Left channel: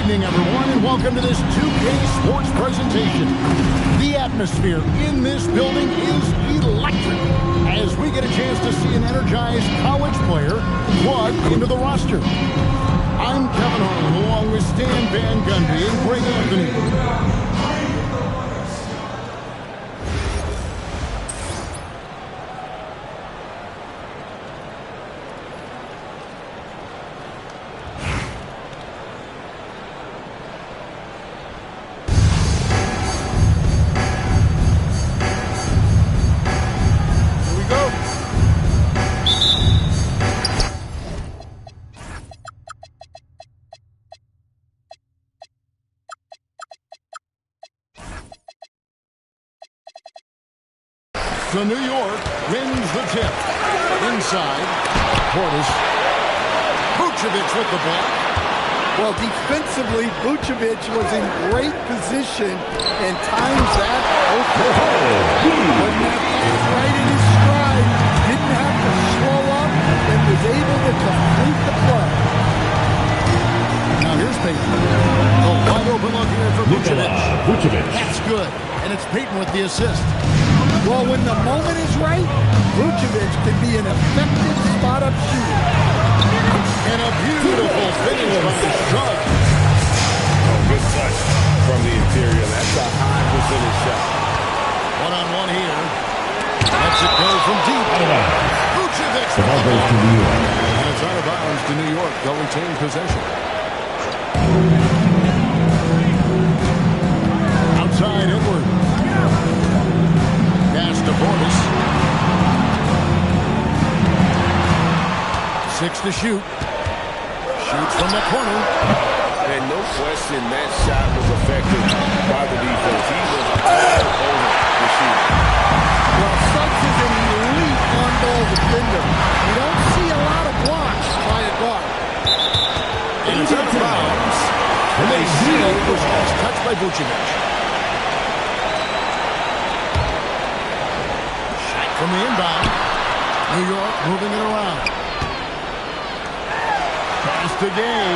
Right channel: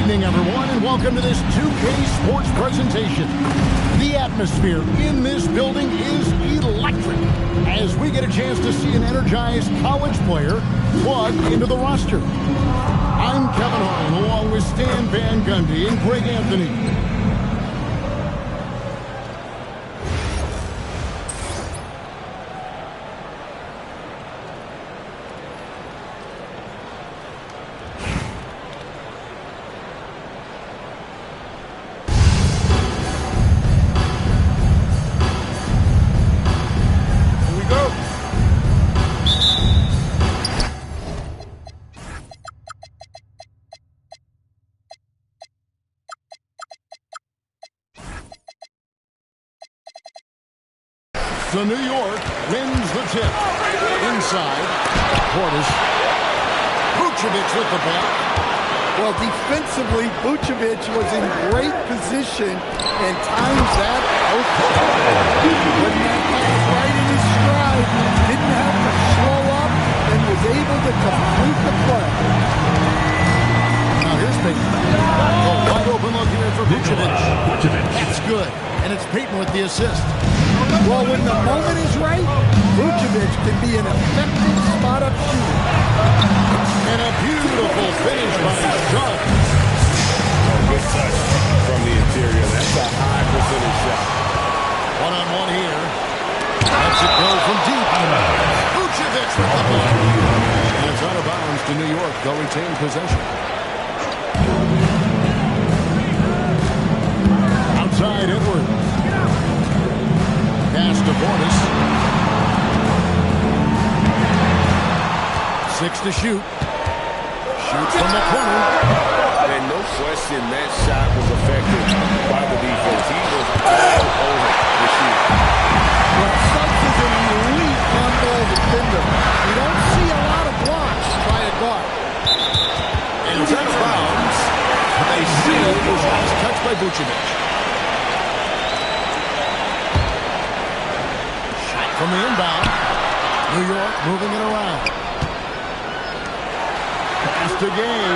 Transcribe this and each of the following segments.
evening, everyone, and welcome to this 2K Sports presentation. The atmosphere in this building is electric as we get a chance to see an energized college player plug into the roster. I'm Kevin Harlan, along with Stan Van Gundy and Greg Anthony. So New York wins the tip. Inside, Portis. Vucevic with the block. Well, defensively, Vucevic was in great position and times that perfectly. Putting that pass right in his stride, didn't have to slow up, and was able to complete the play. Now here's Payton. A wide open look here for Vucevic. That's good, and it's Payton with the assist. Well, when the moment is right, Vucevic can be an effective spot-up shooter. And a beautiful finish by Suggs. Oh, good touch from the interior. That's a high percentage shot. One-on-one here. Lets it go from deep. Vucevic with the ball. And it's out of bounds to New York. They'll retain possession. Outside, Edwards. Pass to Portis. 6 to shoot. Shoots from the corner. And no question that shot was affected by the defense. He was all over the shoot. Well, Suggs is an elite on-ball defender. We don't see a lot of blocks by a guard. And it's out of bounds. They see it was last touched by Vucevic. From the inbound, New York moving it around. Pass to Gay.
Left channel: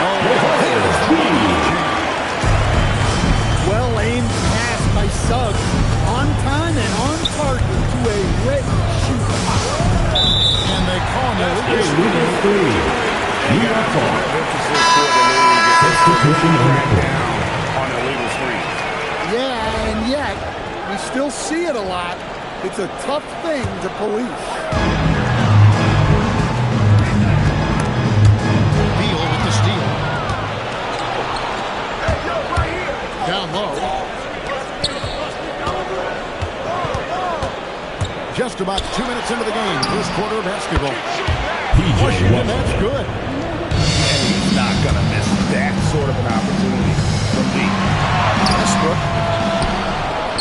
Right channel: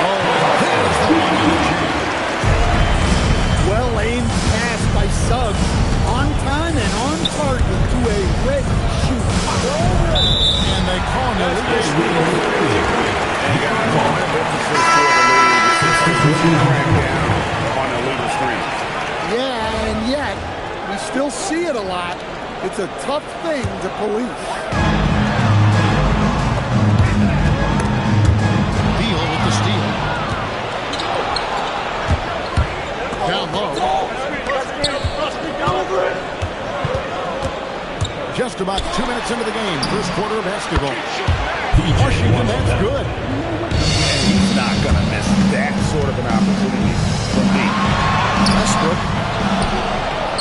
Oh, and there's the one-handed jam. Well-aimed pass by Suggs. On time and on target to a ready shooter. And they call him illegal screen. And got a lot of emphasis for the league. It's really crack down on illegal screens. Yeah, and yet, we still see it a lot. It's a tough thing to police. Beal with the steal. Down low. Just about 2 minutes into the game. First quarter of basketball. Washington, that's good. And he's not going to miss that sort of an opportunity from deep. Westbrook.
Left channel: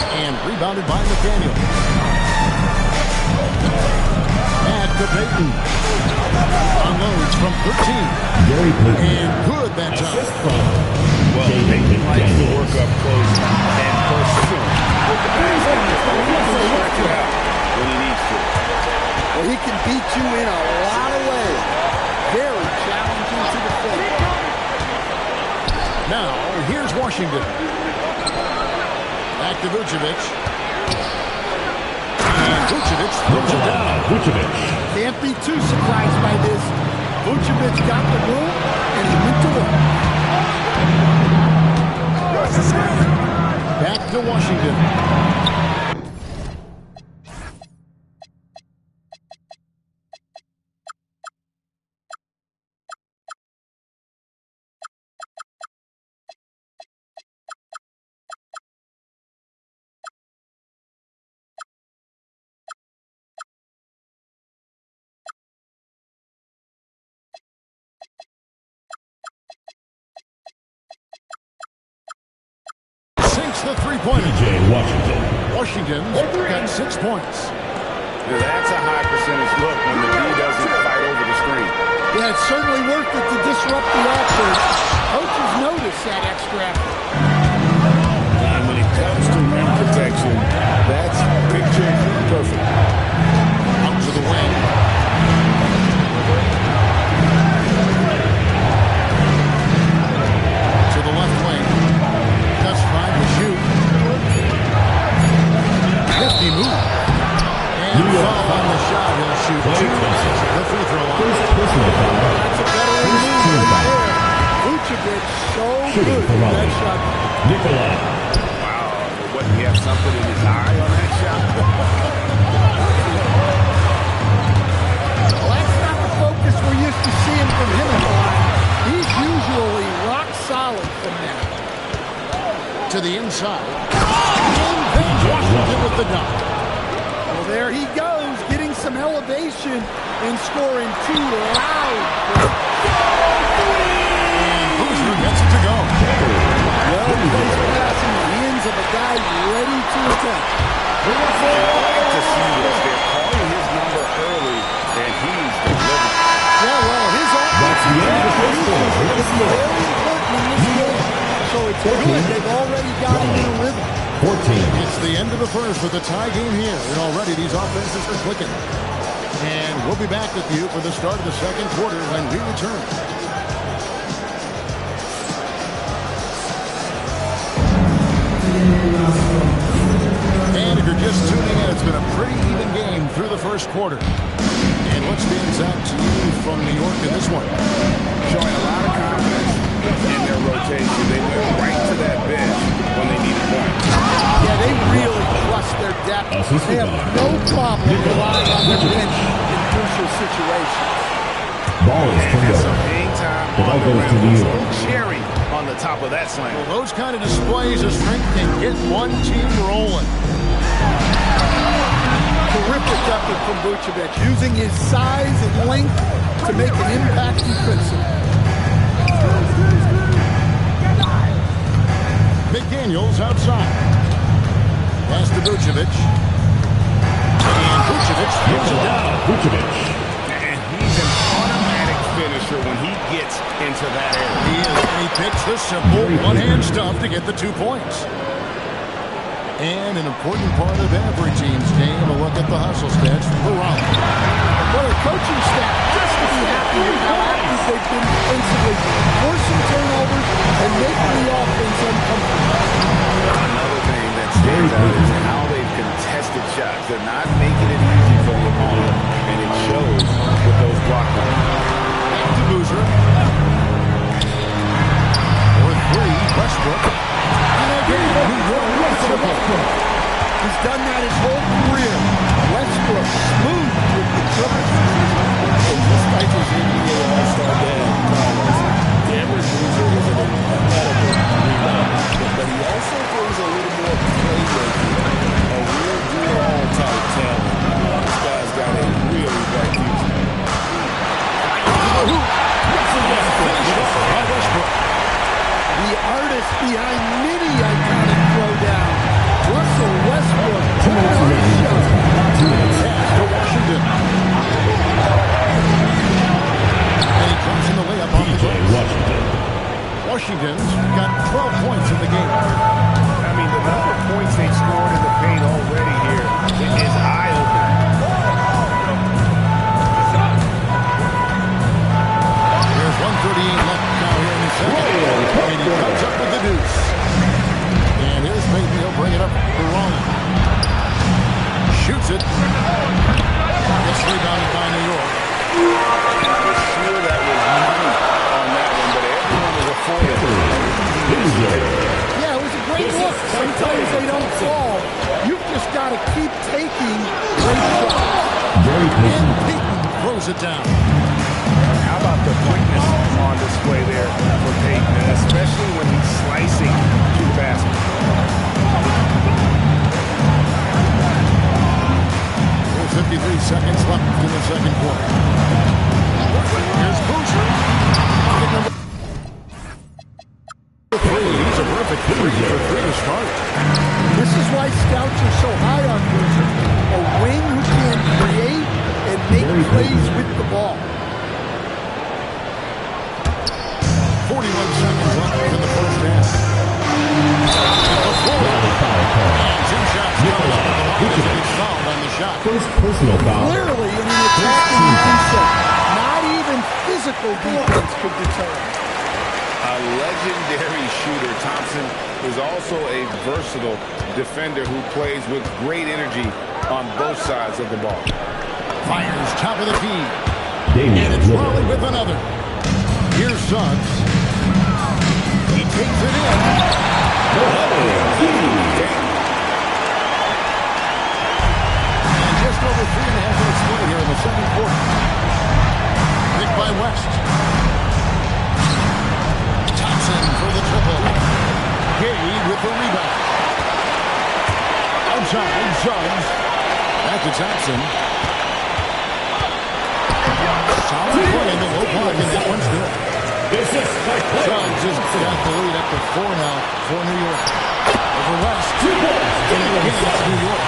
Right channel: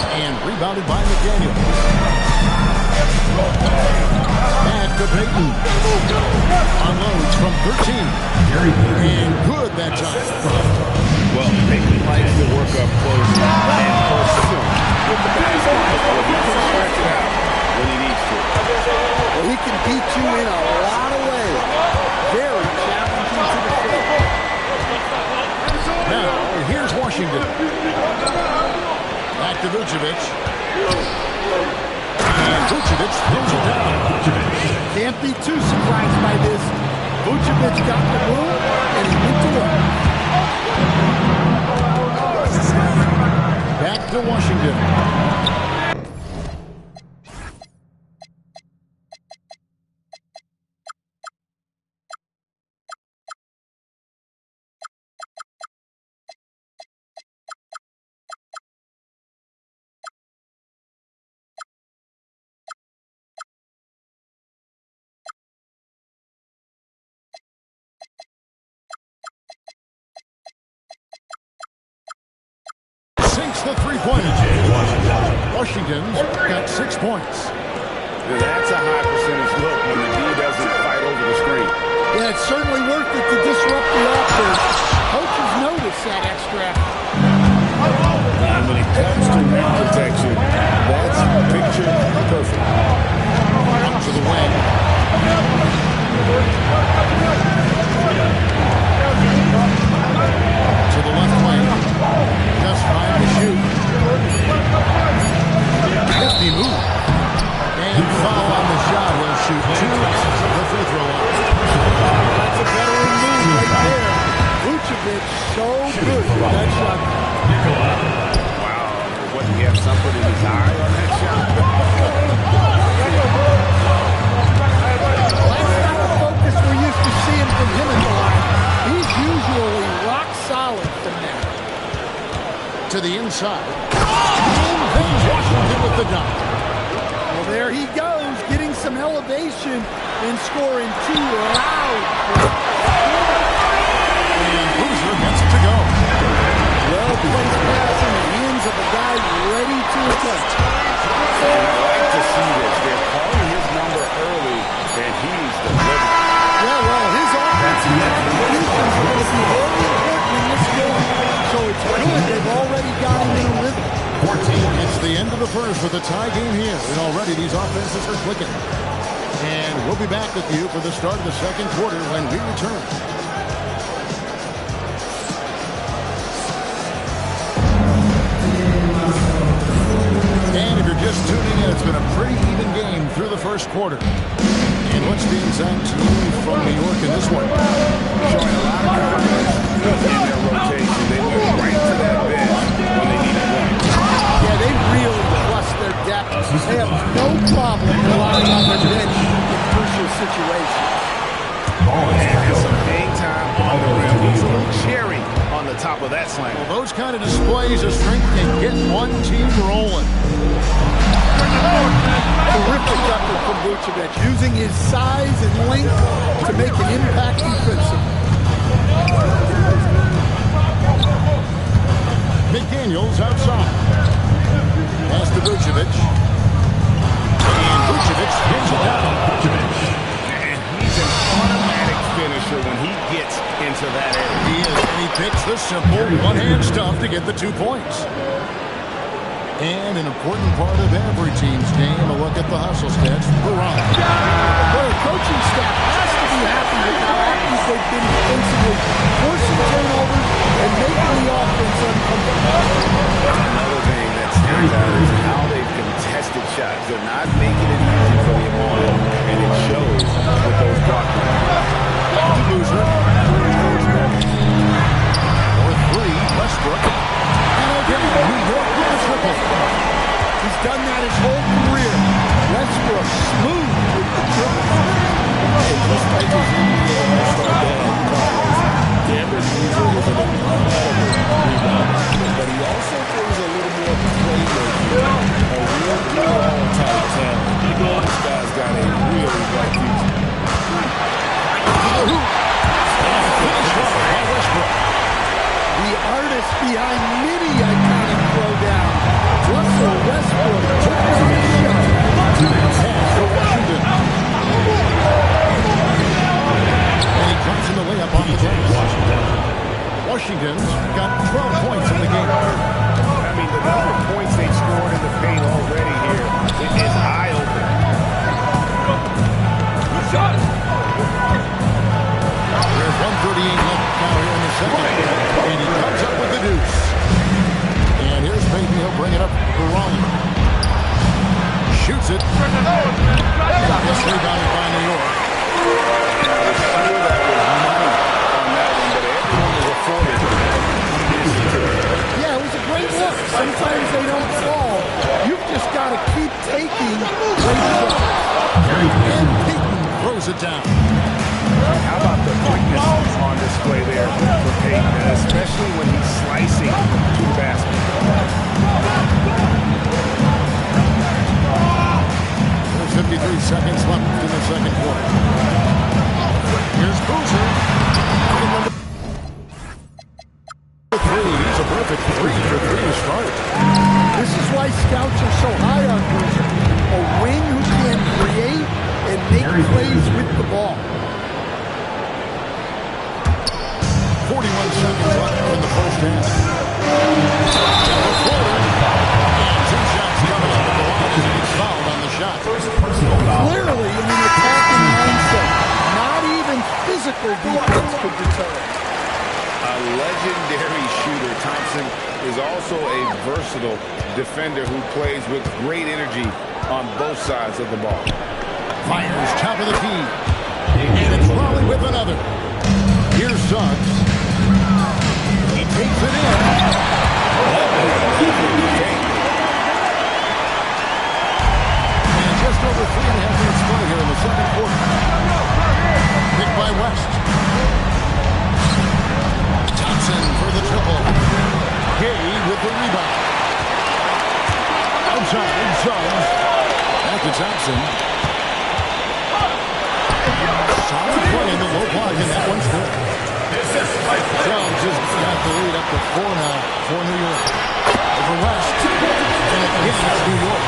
And rebounded by McDaniel. Back to Payton. Unloads from 13. And good that time. Well, Payton likes to work up close and personal with the basket. Well, he can stretch it out when he needs to. Well, he can beat you in a lot of ways. Very challenging to defend. Now, here's Washington. Back to Vucevic. And Vucevic throws it down. Can't be too surprised by this. Vucevic got the room, and he went to work. Back to Washington. Sinks the three-pointer. Washington's got 6 points. That's a high percentage look when the D doesn't fight over the screen. Yeah, it's certainly worth it to disrupt the offense. Coaches notice that extra effort. And when it comes to rim protection, that's picture perfect. Up to the wing. the left wing. Just 5 to shoot. Hefty move. And foul on the shot. He'll shoot 2 at the free throw line. That's a veteran move right there. Vucevic so good with that shot. Wow. What, he have something in his eye on that shot? Well, that's not the focus we're used to seeing from him in the line. He's usually rock solid from there. To the inside. And then Washington with the dunk. Well, there he goes, getting some elevation and scoring 2 loud points. And Boozer gets it to go. Well-placed pass in the hands of a guy ready to attack. And I like to see this. They're calling his number early, and he's delivering. Yeah, well, his offensive contributions are going to be very important in this game. So it's good they've already got him in a rhythm. 14. It's the end of the first with a tie game here. And already these offenses are clicking. And we'll be back with you for the start of the second quarter when we return. And if you're just tuning in, it's been a pretty even game through the first quarter. And what stands out to you from New York in this one? Showing a lot of confidence in their rotation. They went right to that bench when they needed points. Yeah, they really trust their depth. They have no problem relying on their bench in crucial situations. And some hang time on the rim. Looks a little cherry on the top of that slam. Well, those kind of displays of strength can get one team rolling. Terrific effort from Vucevic, using his size and length to make an impact defensively. McDaniels outside. Pass to Vucevic. And Vucevic throws it down. And he's an automatic finisher when he gets into that area. He is, and he picks the simple one-hand stuff to get the 2 points. And an important part of every team's game, a look at the hustle stats for Rollins. But our coaching staff has to be happy with how active they've been defensively, forcing turnovers and making the offense uncomfortable. Another thing that stands out is how they've contested shots. They're not making it easy for the opponent, and it shows with those block runs. Back to Boozer. For 3, Westbrook. And again, New York with the triple. He's done that his whole career. Westbrook smooth with the triple. And just like his NBA All-Star dad, Carlos, Cameron Boozer is an incredible rebounder, but he also plays a little more playmaking, a real do-it-all type talent. This guy's got a really bright future. And finished off by Westbrook. The artist behind many iconic throwdowns. Russell Westbrook putting on a show. Pass to Washington. And he comes in the layup off the glass. Washington's got 12 points in the game. I mean, the number of points they've scored in the paint already here is eye-opening. There's 1:38 left now here in the second. And he comes up with the deuce. And here's Payton. He'll bring it up for Rollins. Shoots it. Gets rebounded by New York. And I was sure that was money on that one, but everyone is afforded. Yeah, it was a great look. Sometimes they don't fall. You've just got to keep taking great shots. And Payton throws it down. How about the quickness on display there for Payton, especially when he's slicing to the basket. There's 53 seconds left in the second quarter. Here's Boozer. Bucket number 3. He's a perfect 3 for 3 to start. This is why scouts are so high on Boozer. A wing who can create and make plays with the ball. 41 seconds left in the first half. And the floater. And 2 shots coming up at the line as he gets fouled on the shot. First personal foul. Clearly in an attacking mindset. Not even physical defense could deter him. A legendary shooter, Thompson is also a versatile defender who plays with great energy on both sides of the ball. Fires top of the key. And it's Raleigh with another. Here's Suggs. He takes it in. And just over 3.5 minutes play here in the second quarter. Picked by West. Thompson for the triple. Gay with the rebound. Outside, Suggs. Back to Thompson. Solid play in the low block, and that one's good. Suggs has got the lead up to 4 now for New York. Over West. And again, it's New York.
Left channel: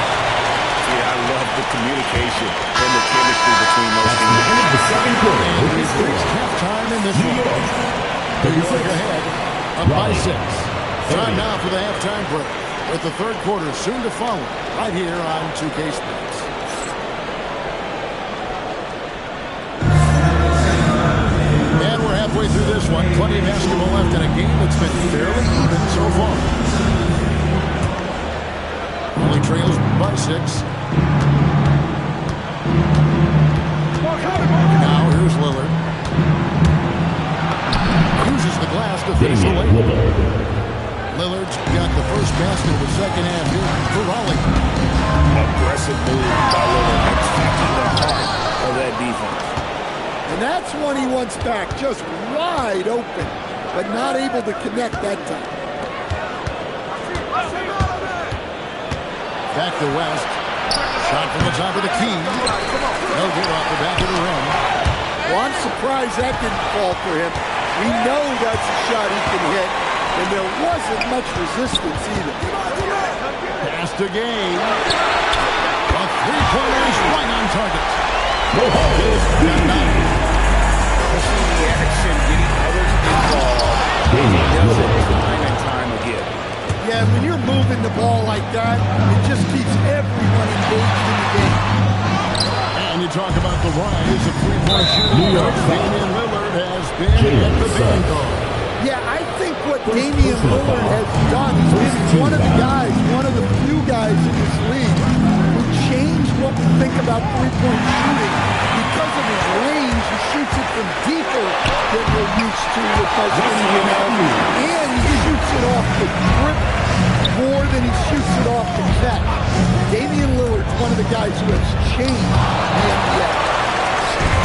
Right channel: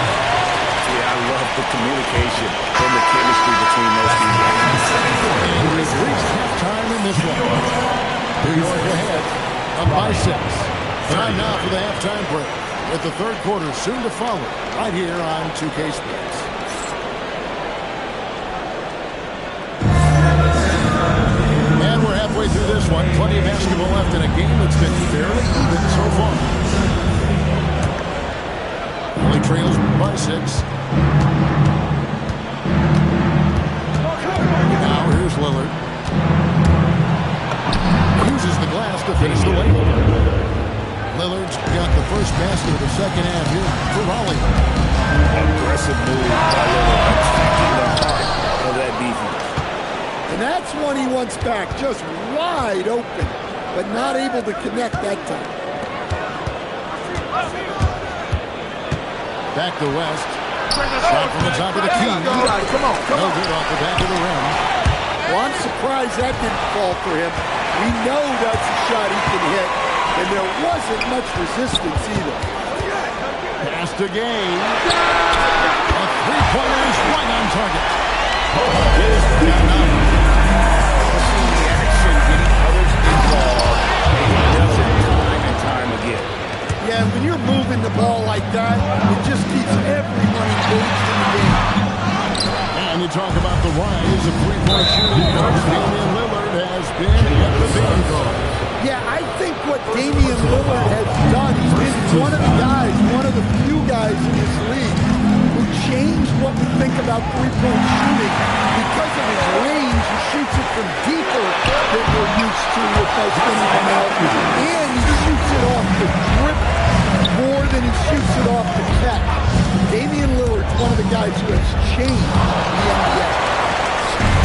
Yeah, I love the communication and the chemistry between those teams. And we've reached halftime in this one. New York ahead, up by 6. Time now for the halftime break, with the third quarter soon to follow, right here on 2K Sports. And we're halfway through this one. Plenty of basketball left in a game that's been fairly even so far. Only trails by 6. Now here's Lillard. Uses the glass to finish the lane. Lillard's got the first basket of the second half here for Raleigh. Aggressive move by Lillard, attacking the heart of that defense. And that's one he wants back, just wide open, but not able to connect that time. Back to West. Shot from the top of the key. No good off the back of the rim. Well, I'm surprised that didn't fall for him. We know that's a shot he can hit, and there wasn't much resistance either. Pass to Gay. A three-pointer is right on target. Pushing the action, getting others involved. He does it time and time again. Yeah, when you're moving the ball like that, it just keeps everyone engaged in the game. And you talk about the rise of three-point shooting. Damian Lillard has been at the vanguard. Yeah, I think what Damian Lillard has done, he's been one of the guys, one of the few guys in this league who changed what we think about three-point shooting. Because of his range, he shoots it from deeper than we're used to with most anyone else. And he shoots it off the drip more than he shoots it off the catch. Damian Lillard's one of the guys who has changed the NBA.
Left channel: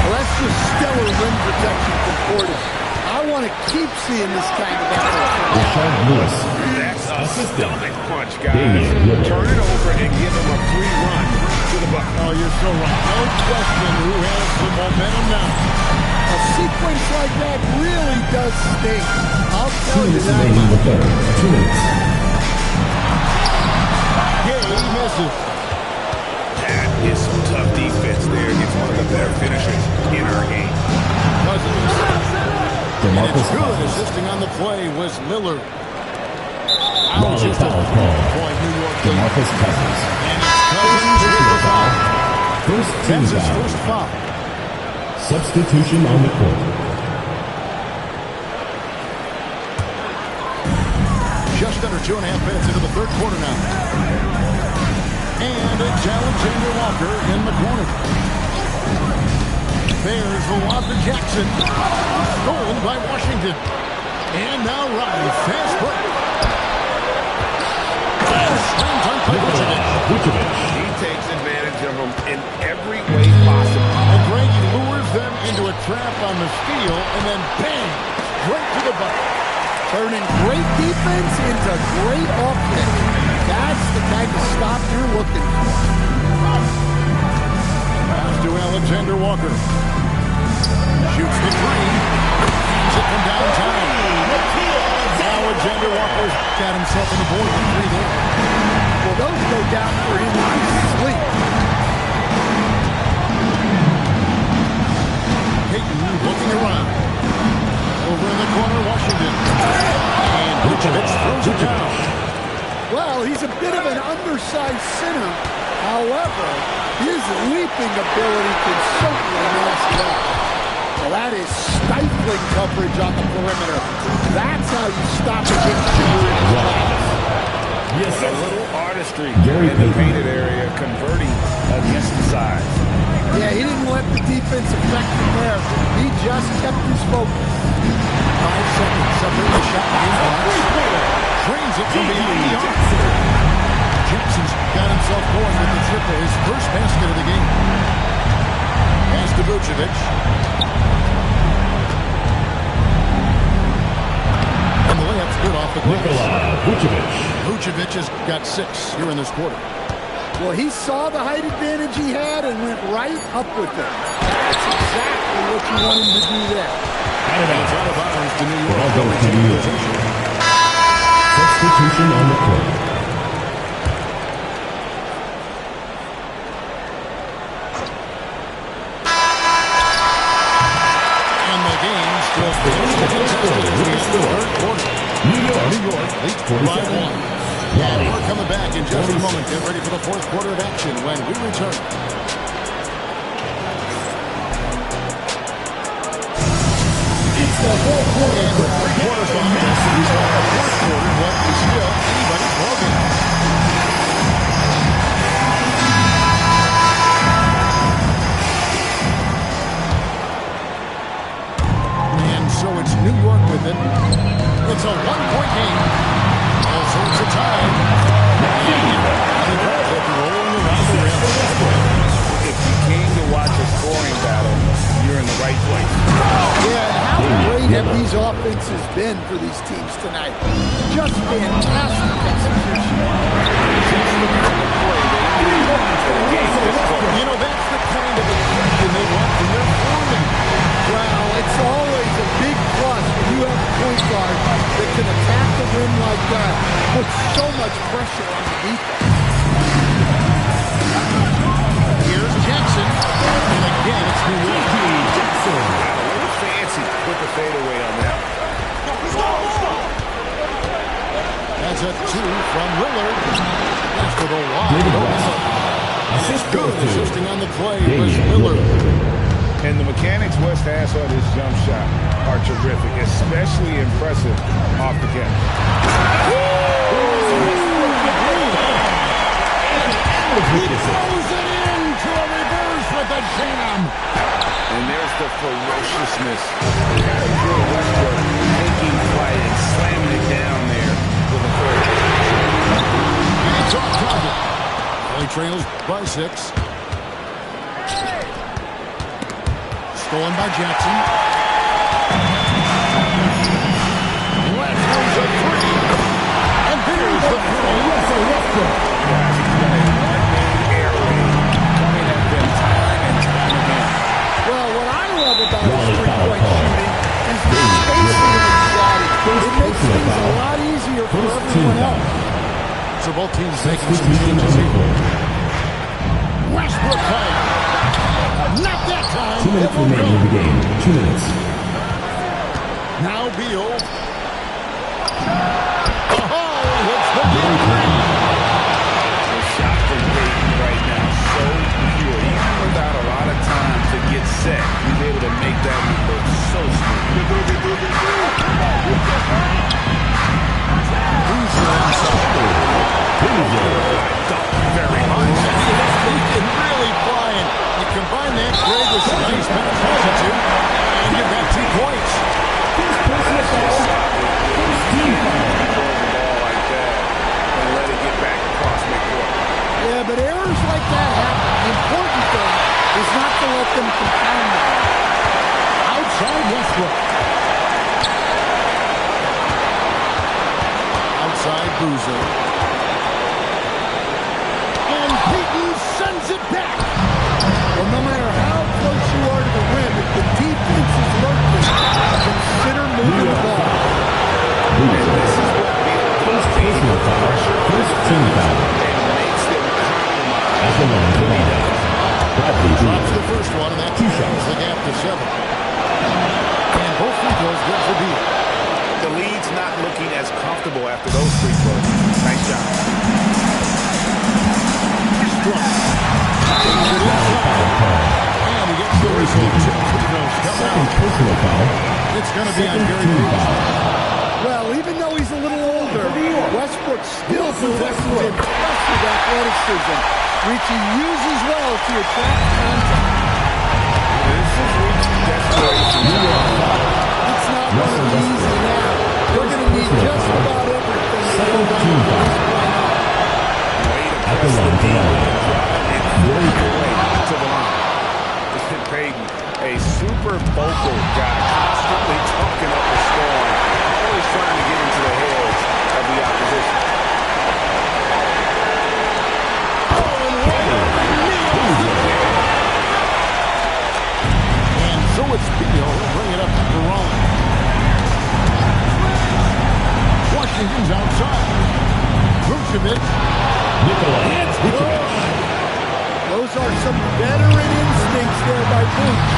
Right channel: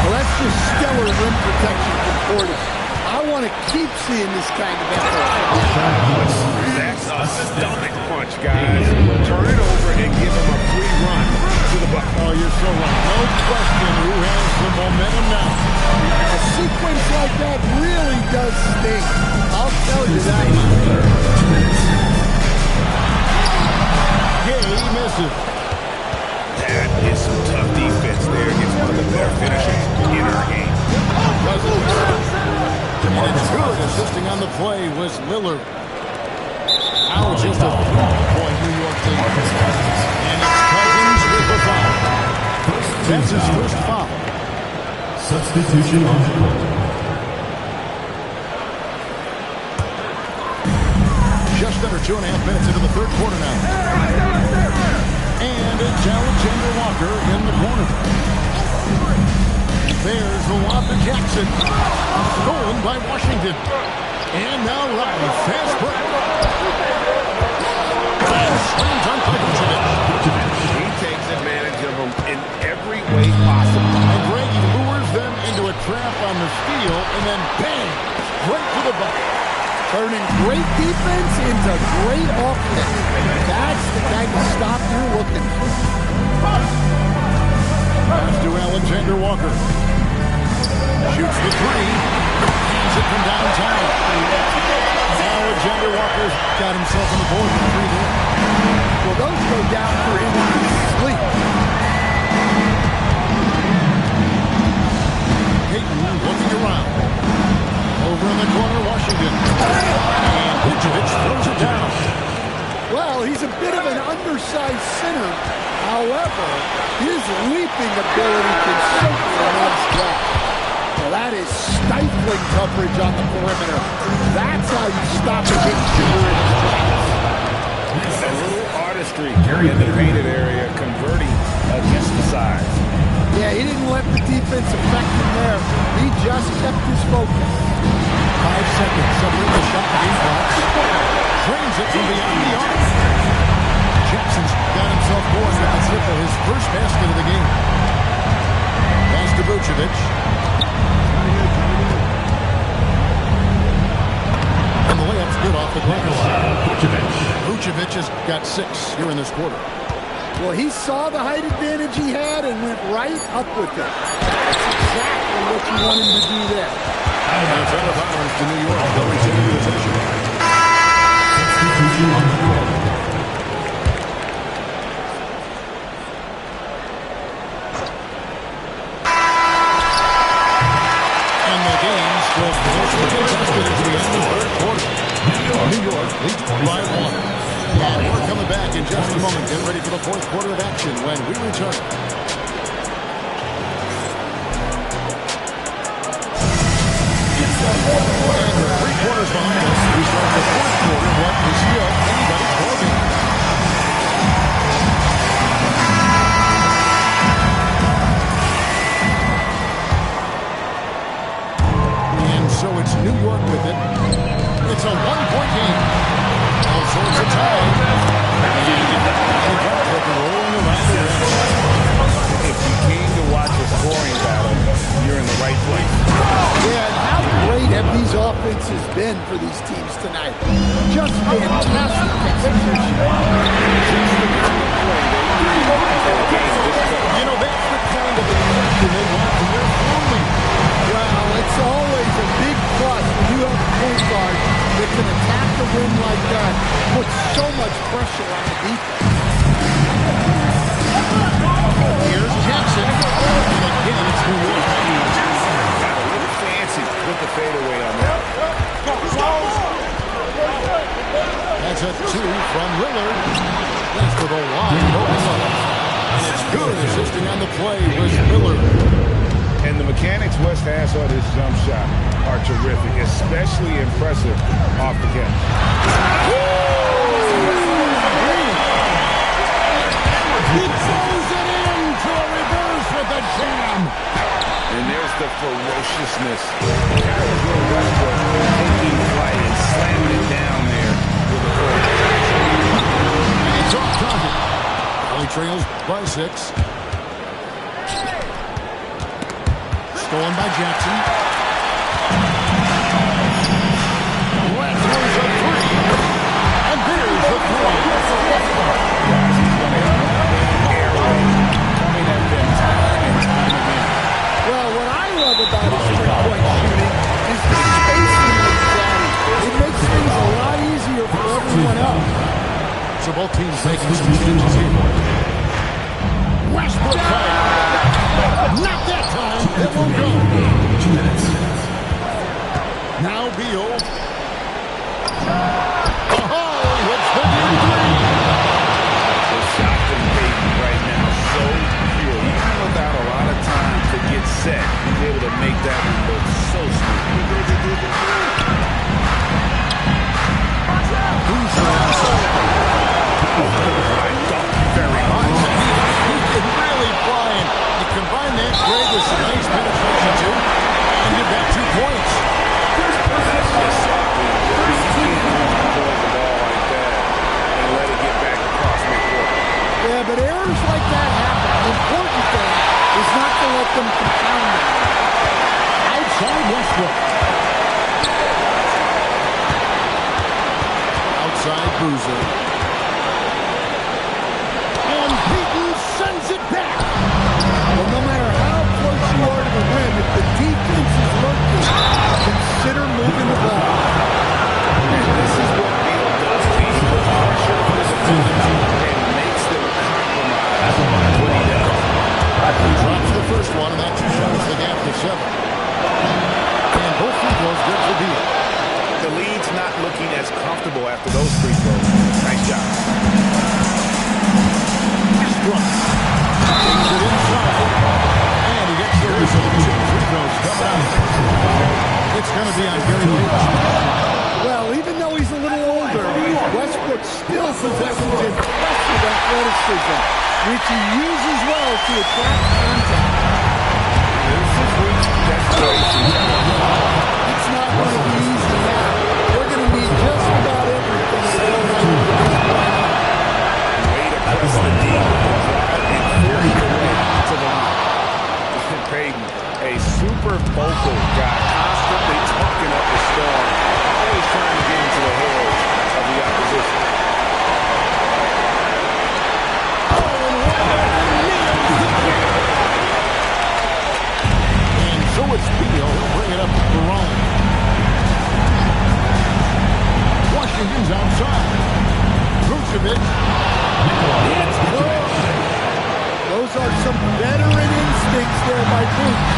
Well, that's just stellar rim protection from Portis. I want to keep seeing this kind of effort. That's a stomach punch, guys. Turn it over and give him a free run to the bucket. Oh, you're so right. No question who has the momentum now. A sequence like that really does sting. I'll tell you that much. Gay misses. That is some tough defense there against one of the better finishers in our game. And it's good. Assisting on the play was Lillard. Now just a 3-point New York lead. And it's Cousins with the foul. That's his first foul. Substitution on the court. Just under 2.5 minutes into the third quarter now. And it's Alexander Walker in the corner. There's the lob to Jackson. Stolen by Washington. And now Riley. Fast break. Slam dunk by Vucevic. He takes advantage of them in every way possible. And Greg, he lures them into a trap on the steal, and then bang, straight to the bucket. Turning great defense into great offense. That's the kind of stop you're looking for. Pass to Alexander Walker. Shoots the three. Hands it from downtown. Alexander Walker's got himself on the board with 3 there. Well, those go down for him in his sleep. Payton looking around. Over in the corner, Washington. And Vucevic throws it down. Well, he's a bit of an undersized center. However, his leaping ability can certainly mask that. Wow, that is stifling coverage on the perimeter. That's how you stop a big shooter in his tracks. A little artistry in the painted area, converting against the size. Yeah, he didn't let the defense affect him there. He just kept his focus. 5 seconds separate the shot and game clocks. Drains it from beyond the arc. Jackson's got himself going with the tip of his first basket of the game. Pass to Vucevic. And the layup's good off the glass. Vucevic has got 6 here in this quarter. Well, he saw the height advantage he had and went right up with it. That's exactly what you want him to do there. And it's out of bounds to New York. They'll retain possession. Substitution on the court. And the game still closely contested as we end the third quarter. New York leads by 1. And we're coming back in just a moment. Get ready for the fourth quarter of action when we return. It's the fourth quarter. And with 3 quarters behind us, we start the fourth quarter. What is still anybody's ballgame. And so it's New York with it. It's a 1-point game. All sorts of time. And the car clip rolling around the rim. If you came to watch a scoring battle, you're in the right place. Yeah, and how great have these offenses been for these teams tonight? Just fantastic execution. Just the kind of play they need in a game this close. You know, that's the kind of aggression they want from their floor league. Well, it's always a big plus when you have a point guard that can attack the rim like that, put so much pressure on the defense. Here's Jackson, and again it's New York. Got a little fancy with the fadeaway on that. That's a 2 from Lillard. That's for the wide open look. And it's good. Assisting on the play was Lillard. And the mechanics West has on his jump shot are terrific, especially impressive off the catch. He throws it into a reverse with a jam. And there's the ferociousness. Casual Westbrook taking flight and slamming it down there with a throw. It's off target. Valley trails by 6. Stolen by Jackson. Let's a 3. And there's the 3 for Westbrook. Guys, he's going to have one-man air raid coming at them time and time again. Well, what I love about his three-point shooting is the spacing that he's adding. It makes things a lot easier for everyone else. So both teams making some changes here. Westbrook fight. Not that time. It won't go. 2 minutes. Now Beal. Oh, he hits the deep 3. The shot from Peyton right now so pure. Even without a lot of time to get set, he's able to make that one look so smooth. Boozer inside. I don't very much. He's been really flying. You combine that grade with some nice penetration too, and you've got 2 points. That's just sloppy. You can't control the ball like that and let it get back across midcourt. Yeah, but errors like that happen. The important thing is not to let them compound them. Outside Westbrook. Outside Boozer. And Peyton sends it back. Well, no matter how close you are to the rim, if the defense is lurking, consider moving the ball. And this is what Beal does. He puts pressure on his defenders and makes them compromise what he does. Drops the first one, and that shows the gap to 7. And both free throws good for Beal. The lead's not looking as comfortable after those free throws. Nice job. Westbrook takes it inside, and he gets the So 2 free throws coming out. Personal foul. It's going to be on Gary Payton. Well, even though he's a little older, Westbrook still possesses impressive athleticism, which he uses well to attract contact. This is reach desperation time. It's not going to be easy now. They're going to need just about everything to go right from this point on. Way to press the D with the drive and force your way to the line. Payton, a super vocal guy, constantly talking up a storm, always trying to get into the heads of the opposition. Oh, and wide open, nails the kick. And so it's Beal. He'll bring it up for Rollins. Washington's outside. Vucevic. It's good. Those are some veteran instincts there by Vooch.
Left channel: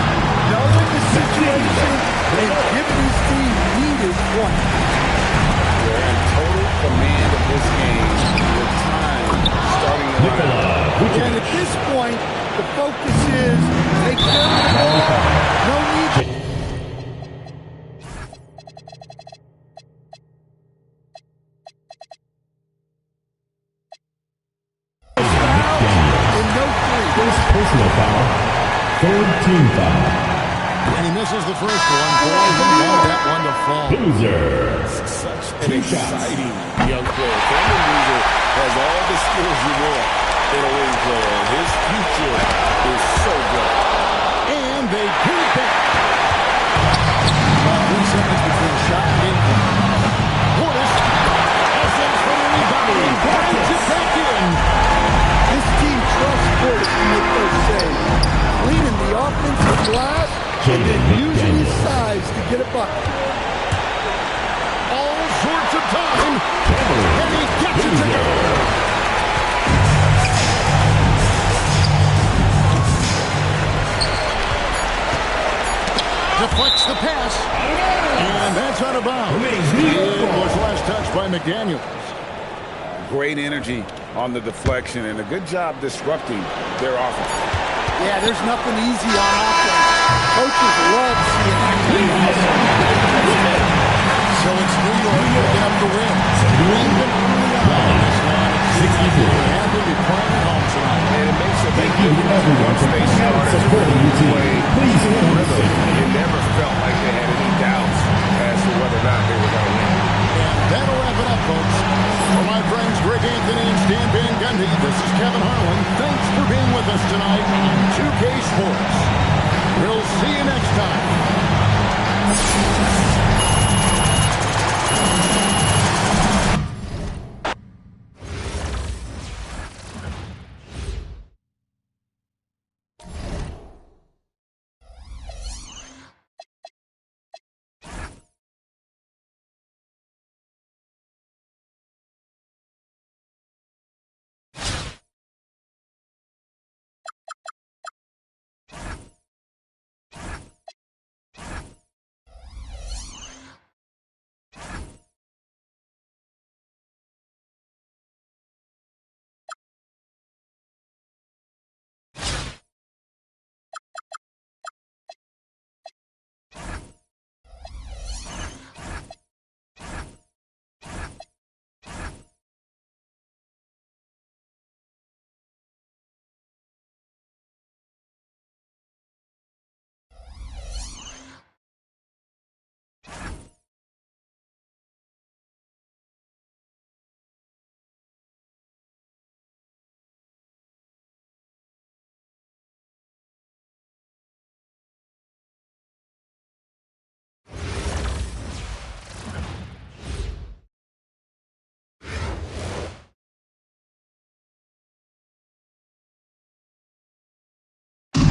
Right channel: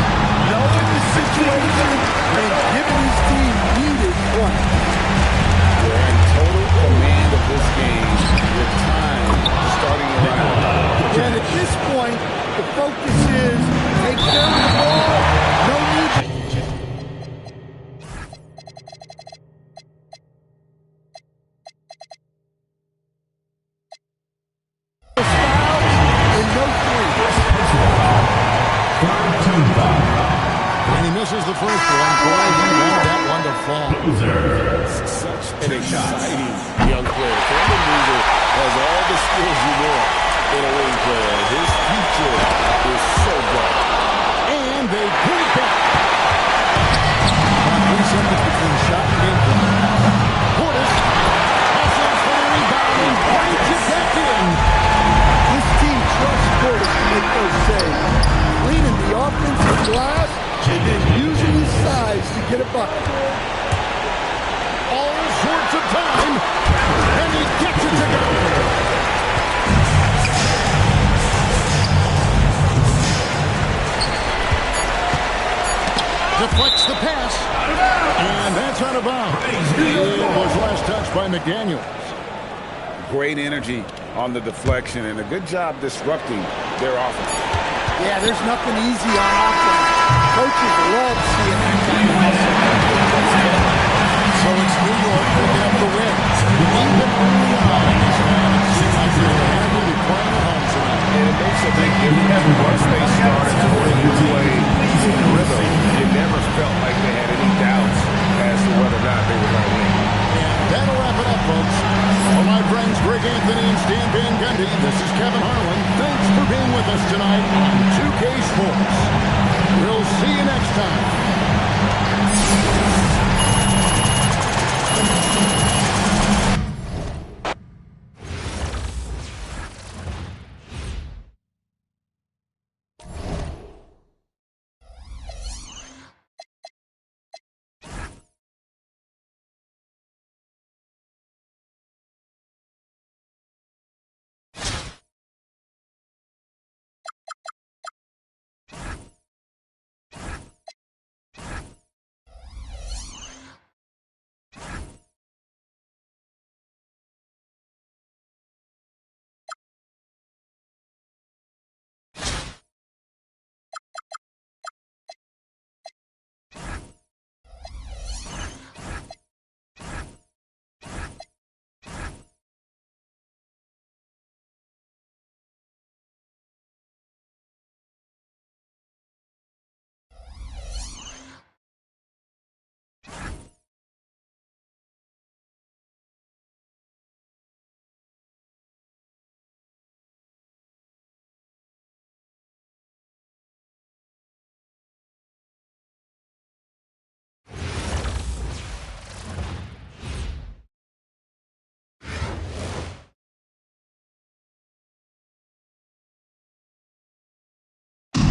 Knowing the situation and giving his team needed points. They're in total command of this game with time starting to run out. And at this point, the focus is take care of the ball. No need to fouls and no three. Personal foul. Third team foul. And he misses the first one. Boy, he wanted that one to fall. Loser. Such an exciting young player. Cameron Boozer has all the skills you want in a wing player. His future is so bright. And they get it back. About 3 seconds between shot and game clock. Portis hustles for the rebound and brings it back in. This team trusts Portis to make those saves. Cleaning the offensive glass and then using his size to get a bucket. All sorts of time. And he gets it to go. Deflects the pass. And that's out of bounds. It was last touched by McDaniels. Great energy on the deflection and a good job disrupting their offense. Yeah, there's nothing easy on offense. Coaches love seeing that kind of hustle. So it's New York picking up the win. Even early on in this one, it seems like they were happy to be playing at home tonight. And it makes a big difference once they started to really play in rhythm. It never felt like they had any doubts as to whether or not they were going to win. And that'll wrap it up, folks. For my friends Greg Anthony and Stan Van Gundy, this is Kevin Harlan. Thanks for being with us tonight on 2K Sports. We'll see you next time.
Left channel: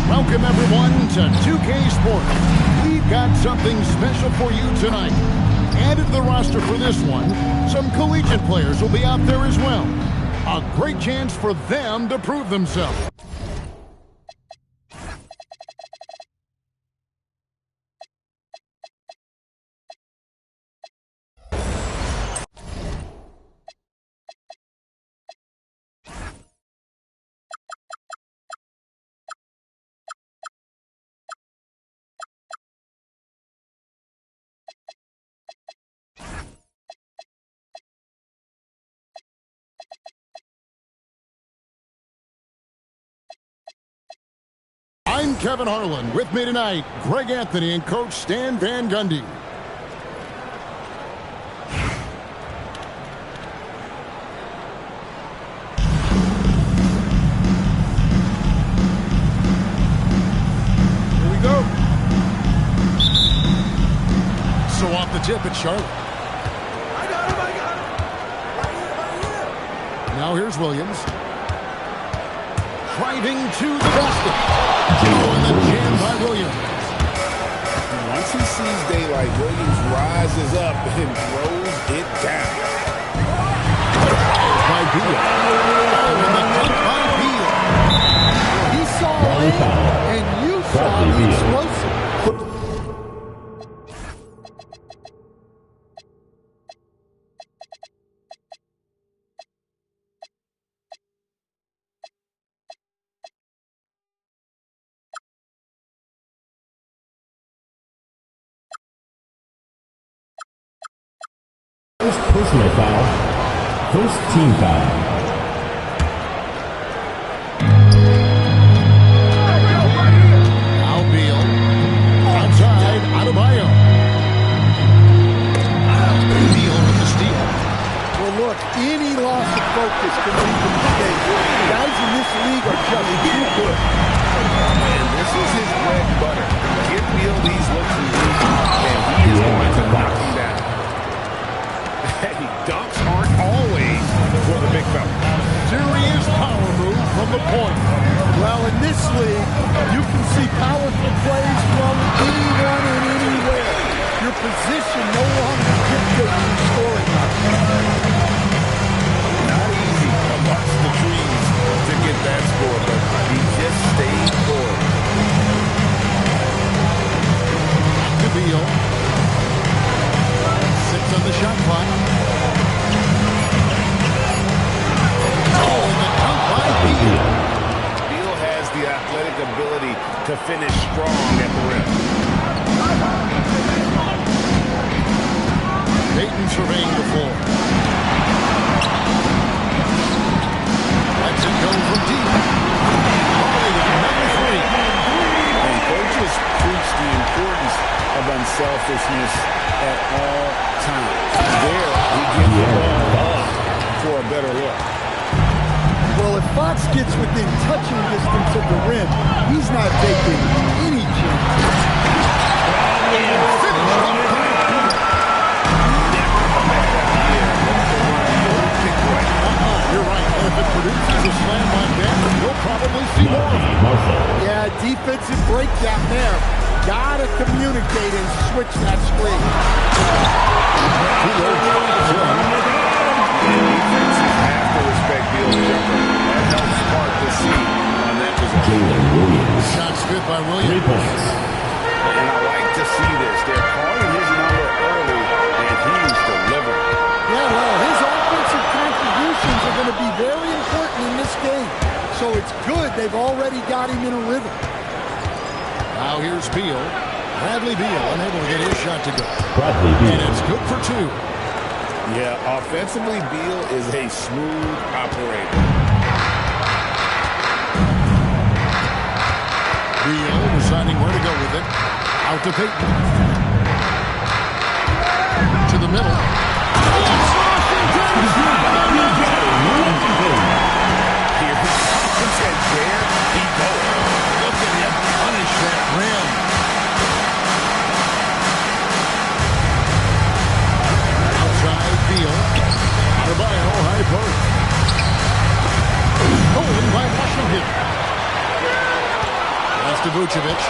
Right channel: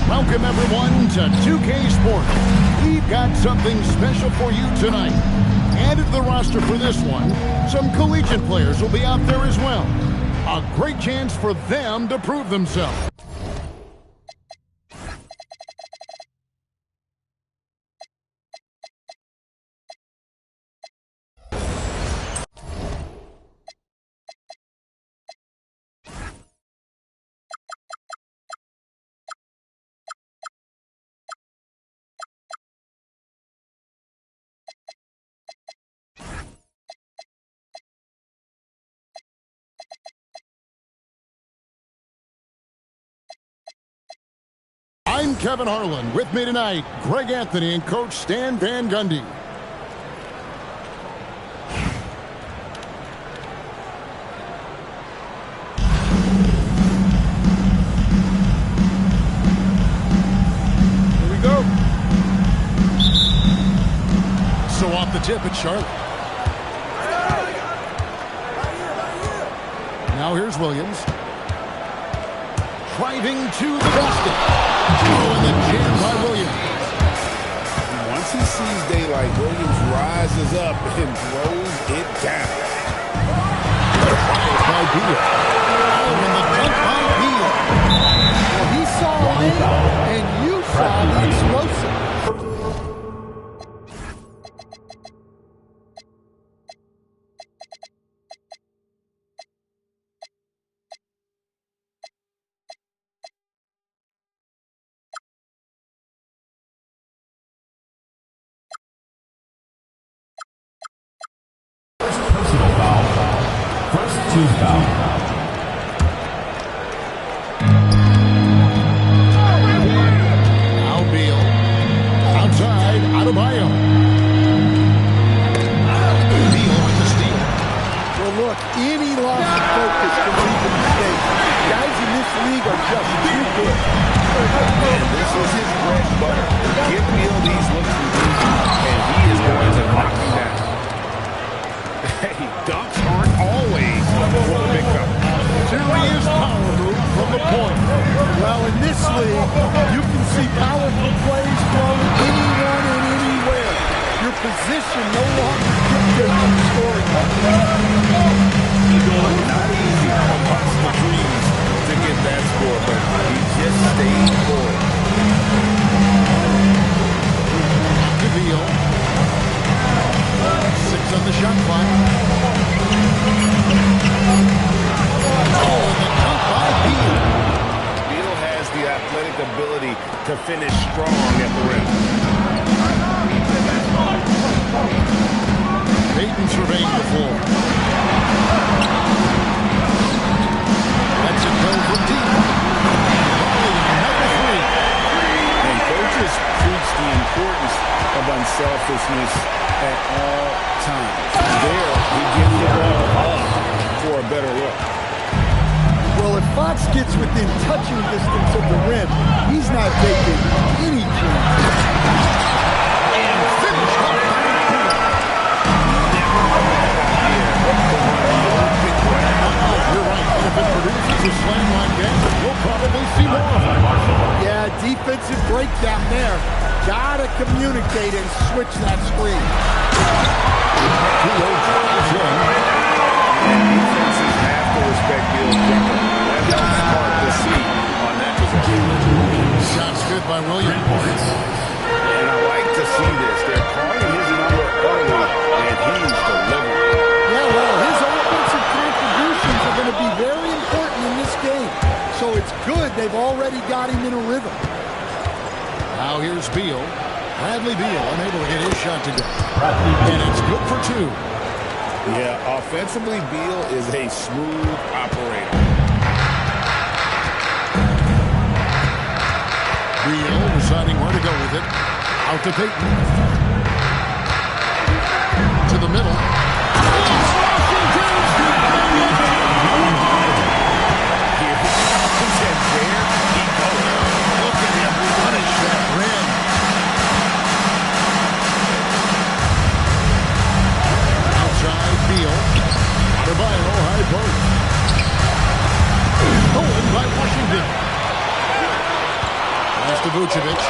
Welcome, everyone, to 2K Sports. We've got something special for you tonight. Added to the roster for this one, some collegiate players will be out there as well. A great chance for them to prove themselves. I'm Kevin Harlan. With me tonight, Greg Anthony and Coach Stan Van Gundy. Here we go. So off the tip, it's Charlotte. I got him. Right here. Now here's Williams. Driving to the basket. Oh, and the jam by Williams. Once he sees daylight, Williams rises up and throws it down. Fired by Beal. Oh, and the dunk by Beal. Well, he saw it, and you saw the explosive. First personal foul. First team foul. Now Beal. Outside, Adebayo. Beal with the steal. Well, look, any loss of focus can lead to mistakes. Guys in this league are just too good. And this is his bread and butter. Give Beal these looks and deep, and he is going to knock him down. Hey, dunks aren't always for the big fella. Serious power move from the point. Well, in this league, you can see powerful plays from anyone and anywhere. Your position no longer dictates your scoring. Not easy amongst the trees to get that score, but he just stayed for it. Back to Beal. 6 on the shot clock. Oh, and the dunk by Beal. Beal has the athletic ability to finish strong at the rim. Payton surveying the floor. Lets it go from deep. Volley, another three. And coaches preach the importance of unselfishness at all times. There, he gives the ball up for a better look. Well, if Fox gets within touching distance of the rim, he's not taking any chance. And finished off by Beal. Never a bad idea to run the old pick right. You're right. And if it produces a slam like that, we'll probably see more of it. Yeah, defensive breakdown there. Gotta communicate and switch that screen. Beal drives in. And defenses have to respect Beal's jumper. That helps spark the seed on that possession. Shots good by Williams. 3 points. And I like to see this. They're calling his number early, and he's delivering. Yeah, well, his offensive contributions are going to be very important in this game. So it's good they've already got him in a rhythm. Now here's Beal. Bradley Beal unable to get his shot to go. Bradley Beal. And it's good for 2. Yeah, offensively, Beal is a smooth operator. Beal deciding where to go with it. Out to Payton. To the middle. It's Washington! Here he comes, and there he goes. Look at him punish that rim. Outside Beal. Adebayo, high post. Stolen by Washington. Pass to Vucevic.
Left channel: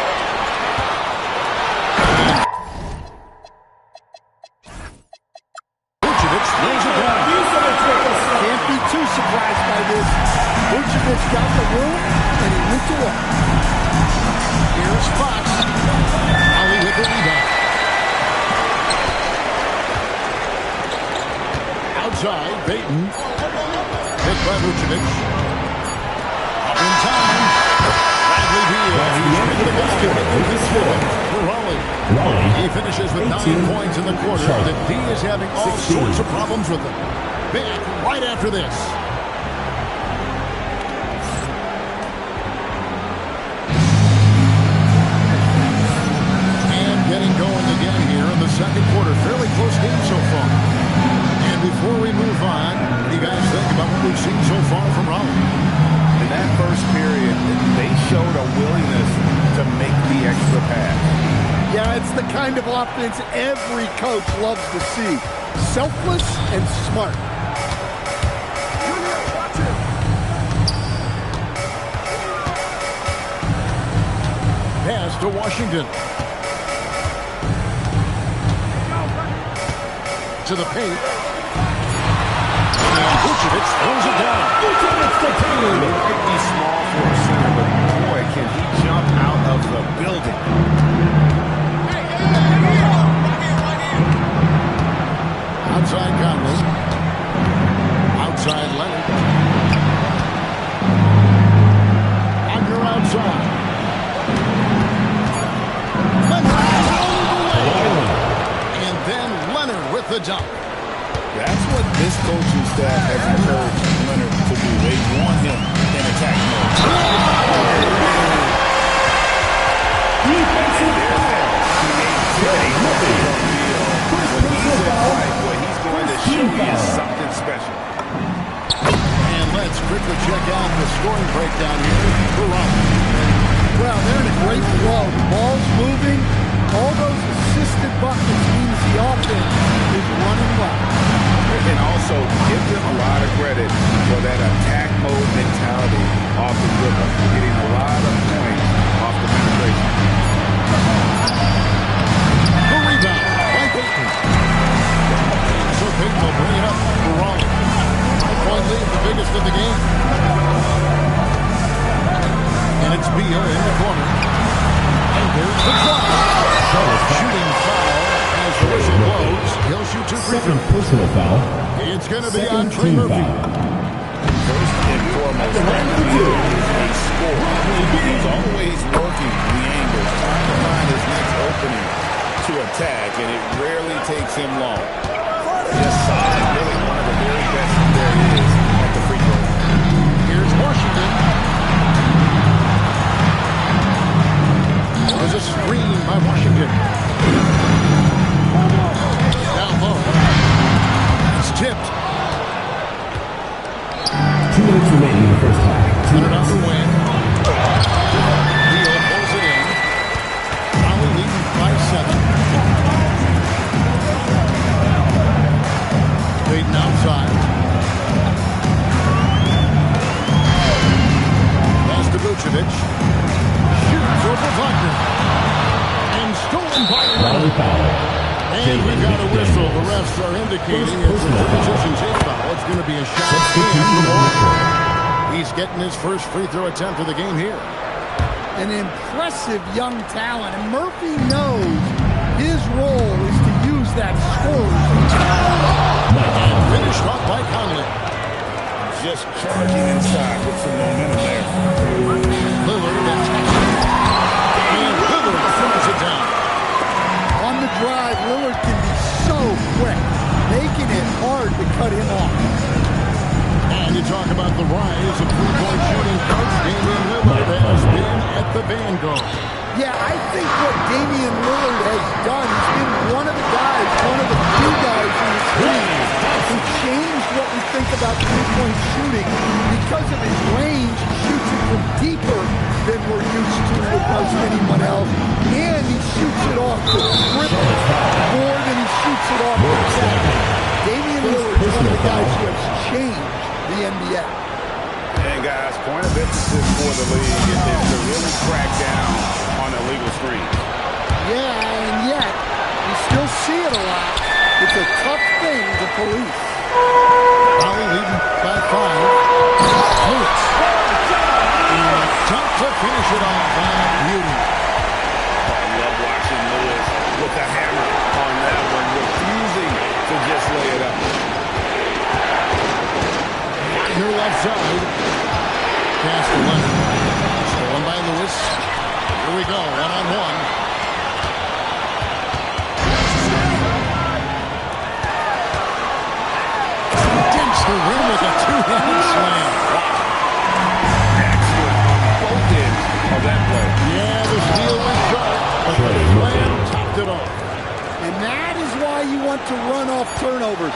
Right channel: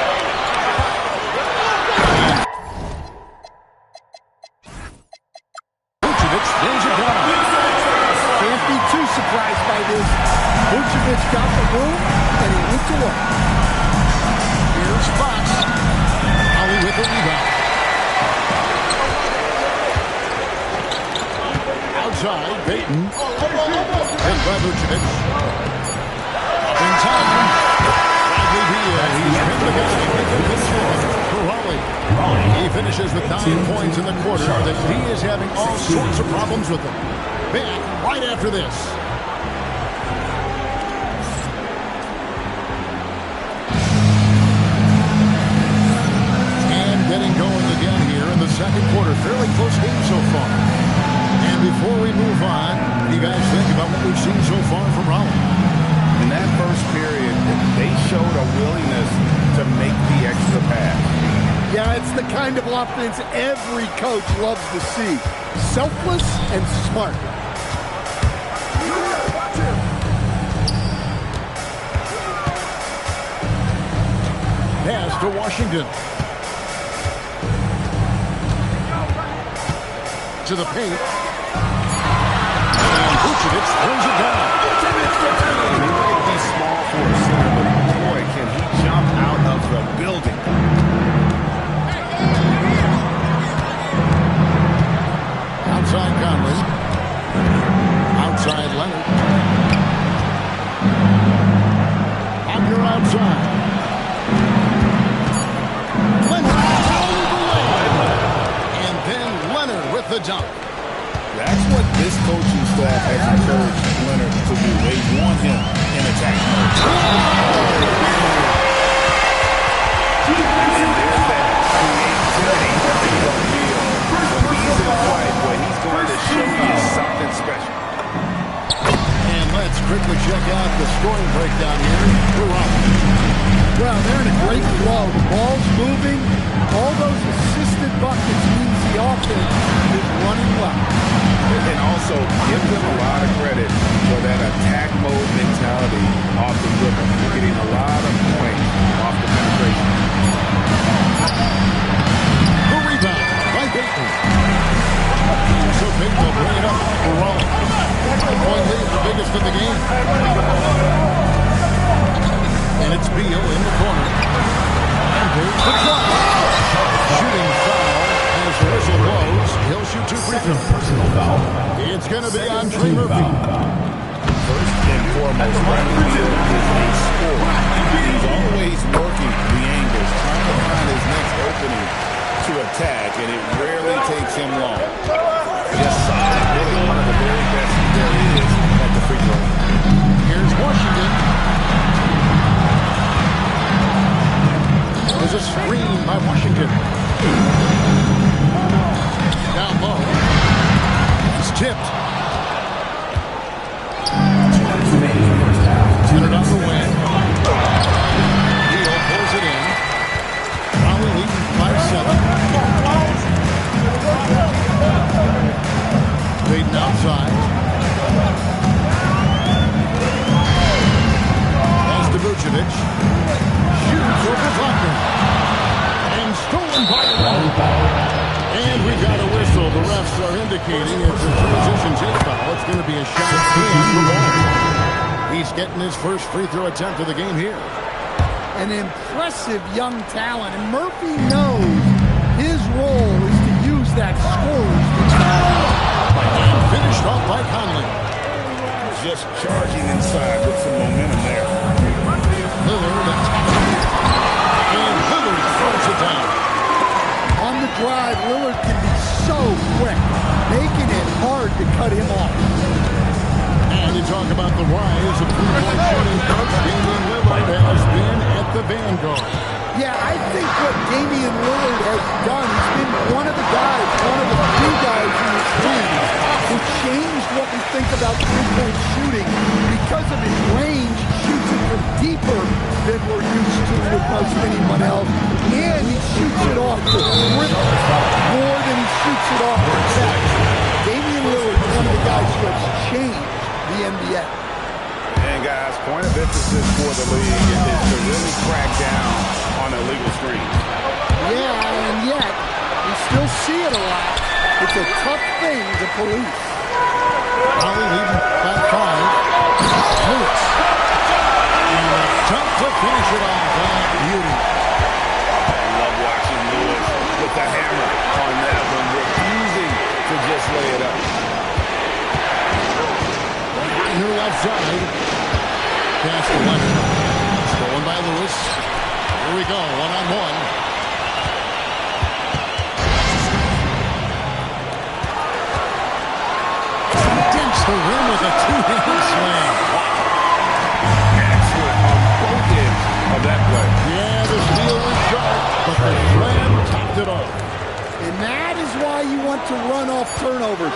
Vucevic throws it down. Can't be too surprised by this. Vucevic got the room, and he went to work. Here's Fox. Ali with the rebound. Outside, Payton. Hit by Vucevic. Up in time. Bradley Beal. He's been the guy making things happen for Raleigh. He finishes with 9 points in the quarter. The D is having all sorts of problems with them. Back right after this. here in the second quarter. Fairly close game so far. And before we move on, what do you guys think about what we've seen so far from Raleigh? In that first period, they showed a willingness to make the extra pass. Yeah, it's the kind of offense every coach loves to see. Selfless and smart. Pass to Washington. To the paint. And Vucevic throws it down. He might be small for a center, but boy, can he jump out of the building. Outside Conley. Outside Leonard. Wagner outside. Leonard all the way. And then Leonard with the dunk. That's what this coaching staff has encouraged Leonard to do. They want him in attack mode. And there's that creativity from Beal. When he's in flight, boy, he's going to show you something special. And let's quickly check out the scoring breakdown here for Raleigh. Well, they're in a great flow. The ball's moving. All those assisted buckets means the offense is running well. And also, give them a lot of credit for that attack mode mentality off the dribble. You're getting a lot of points off the penetration. The rebound by Payton. And so Payton will bring it up for Raleigh. 5-point lead, the biggest of the game. And it's Beal in the corner. And there's the drive. Shooting foul as the whistle blows. He'll shoot 2 free throws. Personal foul. It's going to be on Trey Murphy. First and foremost, Brandon Beal is a scorer. He's always working the angles, trying to find his next opening to attack, and it rarely takes him long. Just solid, really one of the very best there is at the free throw. Here's Washington. There's a screen by Washington. Down low. It's tipped. 2 minutes remaining in the first half. Leonard on the wing. Beal pulls it in. Raleigh leading by 7. Payton outside. Pass to Vucevic. Shoots over Wagner. And stolen by Leonard. And we've got a whistle. The refs are indicating it's a transition take foul. It's going to be a shot and the ball. He's getting his first free throw attempt of the game here. An impressive young talent. And Murphy knows his role is to use that scorer's mentality. And finished off by Conley. Just charging inside with some momentum there. Lillard attacking. And Lillard throws it down. On the drive, Lillard can be so quick, making it hard to cut him off. And you talk about the rise of three-point shooting, coach. Damian Lillard has been at the vanguard. Yeah, I think what Damian Lillard has done, he's been one of the guys, one of the few guys in this league who changed what we think about three-point shooting. Because of his range, he shoots it from deeper than we're used to with most anyone else. And he shoots it off the dribble more than he shoots it off the catch. Damian Lillard is one of the guys who has changed the NBA. And guys, point of emphasis for the league is to really crack down on illegal screens. Yeah, and yet, we still see it a lot. It's a tough thing to police. Raleigh leading by 5. Lewis. And a dunk to finish it off. Beauty. I love watching Lewis with the hammer on that one, refusing to just lay it up. Wagner left side. Pass to Leonard. Stolen by Lewis. Here we go, one-on-one. Dents the rim with a two-handed slam. Wow. Excellent on both ends of that play. Yeah, the steal was sharp, but the slam topped it off. And that is why you want to run off turnovers.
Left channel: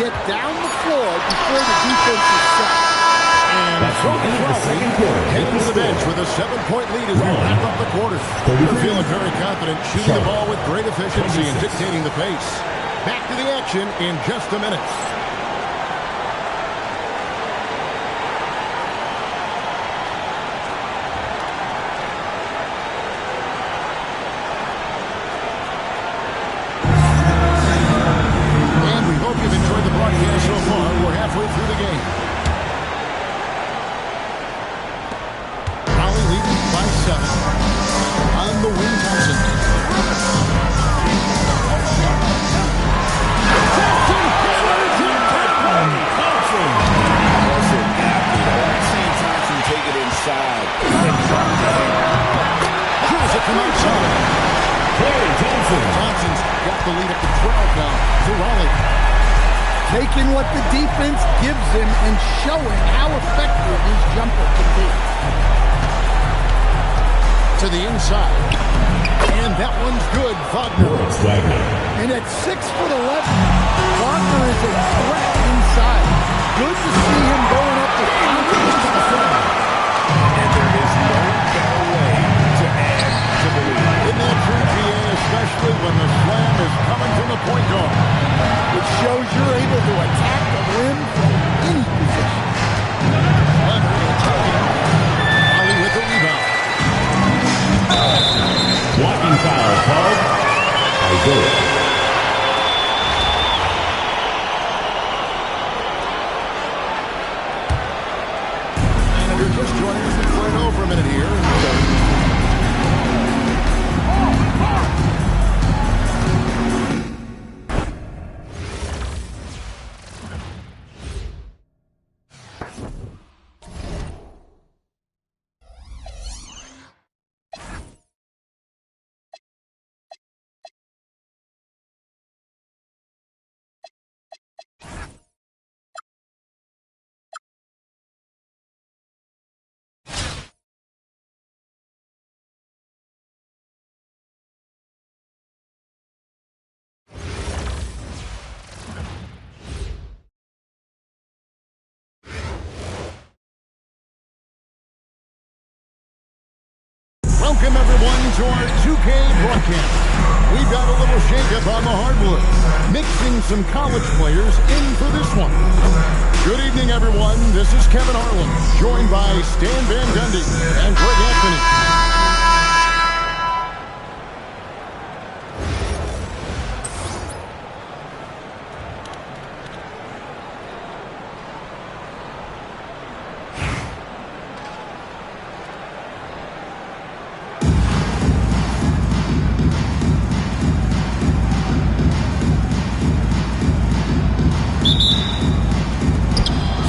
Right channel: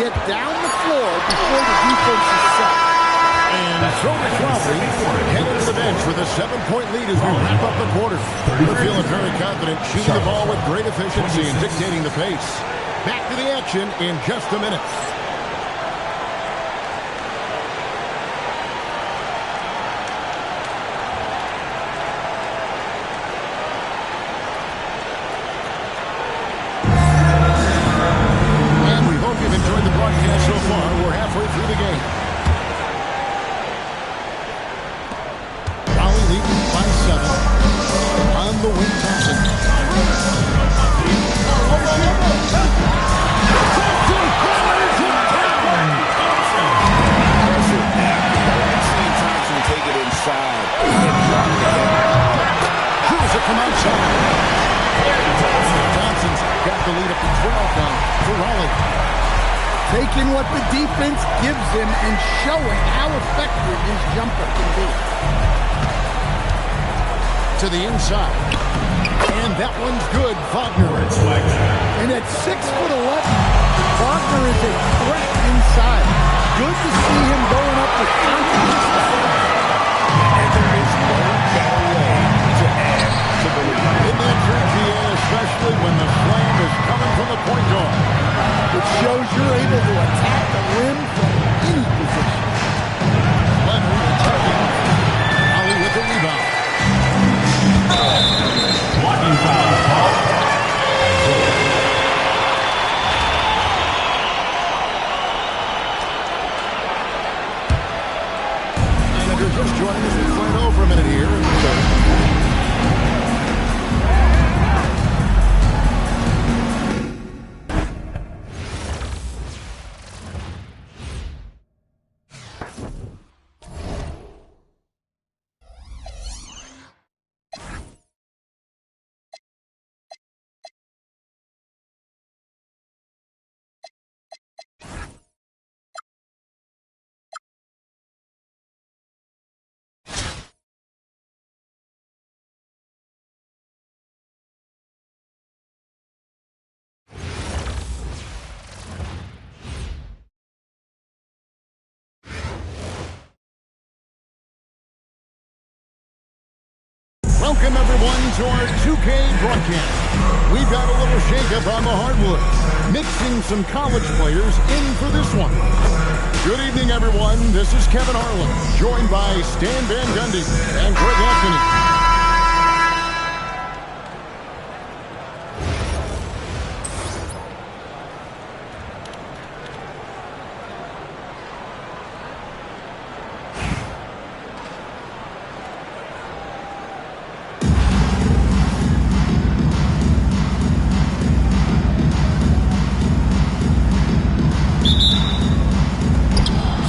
Get down the floor before the defense is set. And so is Raleigh heading to the bench with a 7-point lead as we wrap up the quarter. They're feeling very confident, shooting the ball with great efficiency and dictating the pace. Back to the action in just a minute. You've enjoyed the broadcast so far. We're halfway through the game. Raleigh leading by 7. On the wing, Thompson. Thompson hammers him down. Impressive athlete. I like seeing Thompson take it inside and drop the hammer. Drills it from outside. Thompson's got the lead up to 12 now for Raleigh. Taking what the defense gives him and showing how effective his jumper can be. To the inside. And that one's good. Wagner. And at 6'11", Wagner is a threat inside. Good to see him going up with confidence. And there is no better way to add to the lead. In that true GA, especially when the slam is coming from the point guard. Which shows you're able to attack the rim from any position. Leonard attacking. Raleigh with the rebound. Blocking foul called. Isaiah. And if you're just joining us, we'll play it over a minute here in the third. Welcome, everyone, to our 2K broadcast. We've got a little shakeup on the hardwood, mixing some college players in for this one. Good evening, everyone. This is Kevin Harlan, joined by Stan Van Gundy and Greg Anthony.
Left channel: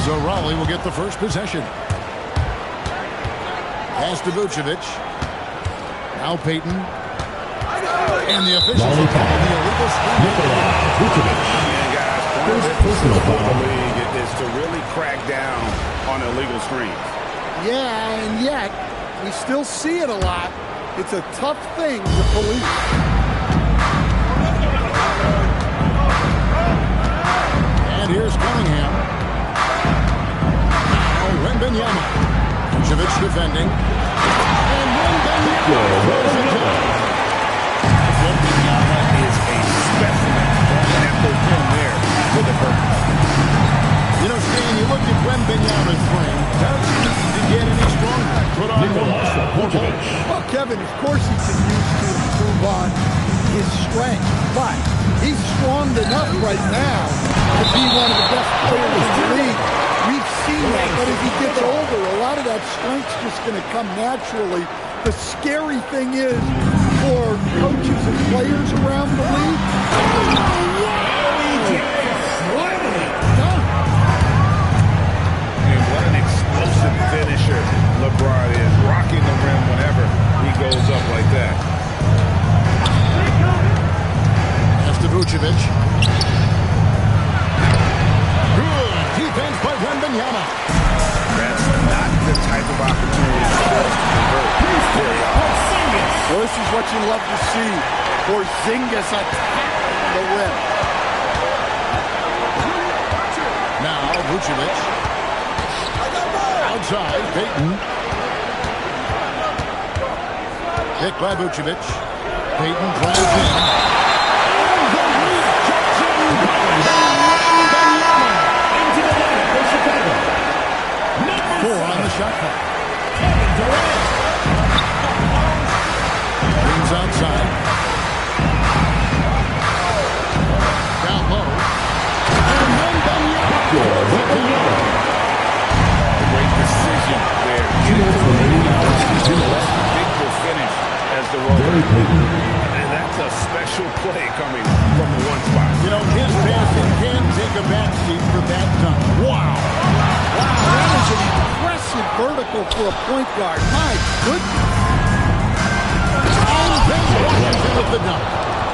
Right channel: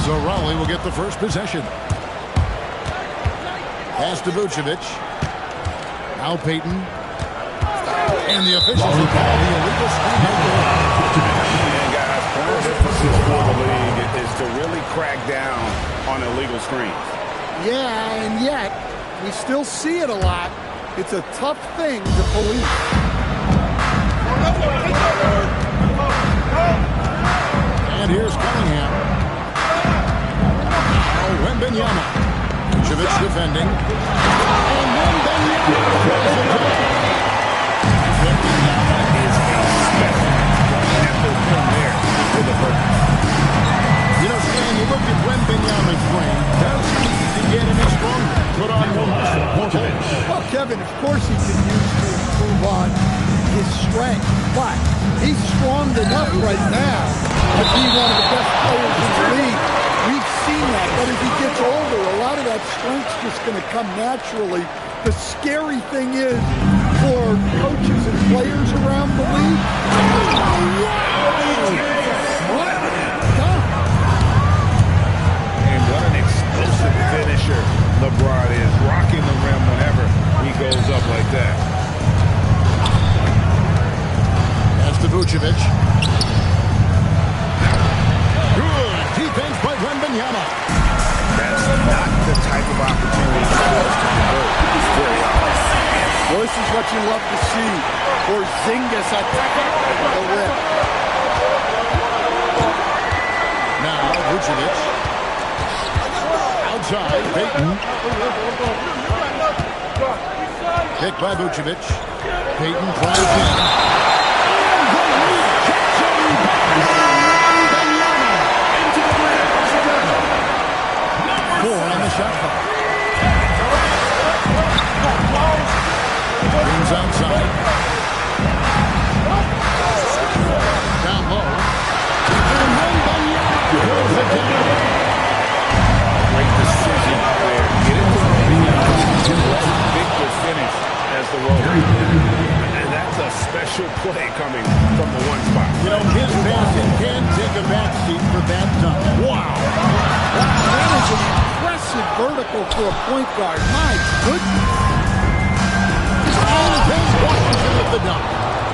So Raleigh will get the first possession. Pass to Vucevic. Now Payton. And the officials will call the illegal screen right there. And guys, point of emphasis for the league is to really crack down on illegal screens. Yeah, and yet we still see it a lot. It's a tough thing to police. And here's Cunningham. Wembanyama. Vucevic defending. And Wembanyama throws it down. Wembanyama is a specimen going at the rim there with a purpose. You know, Stan, you look at Wembanyama's frame. Does he need to get any stronger? Put on more muscle. Well, Kevin, of course he could use to improve on his strength. But he's strong enough right now to be one of the best players in the league. We've seen that, but as he gets older, a lot of that strength's just going to come naturally. The scary thing is, for coaches and players around the league, and what an explosive finisher LeBron is, rocking the rim whenever he goes up like that. Pass to Vucevic. Good defense by Wembanyama. That's not the type of opportunity he fails to convert very often. well, this is what you love to see. Porzingis attacked the rim. Now, Vucevic. Outside, Payton. Kick by Vucevic. Payton drives in. And the rejection by Mangum-BSM into the rim. 4 on the shot clock. Brings outside. Down low. And Mangum-BSM throws it down. Great decision there. Get into the rebound and let Victor finish as the roller. And that's a special play coming from the one spot. You know, his passing can take a backseat for that dunk. Wow. Wow, that is an impressive vertical for a point guard. My goodness. And then Washington with the dunk.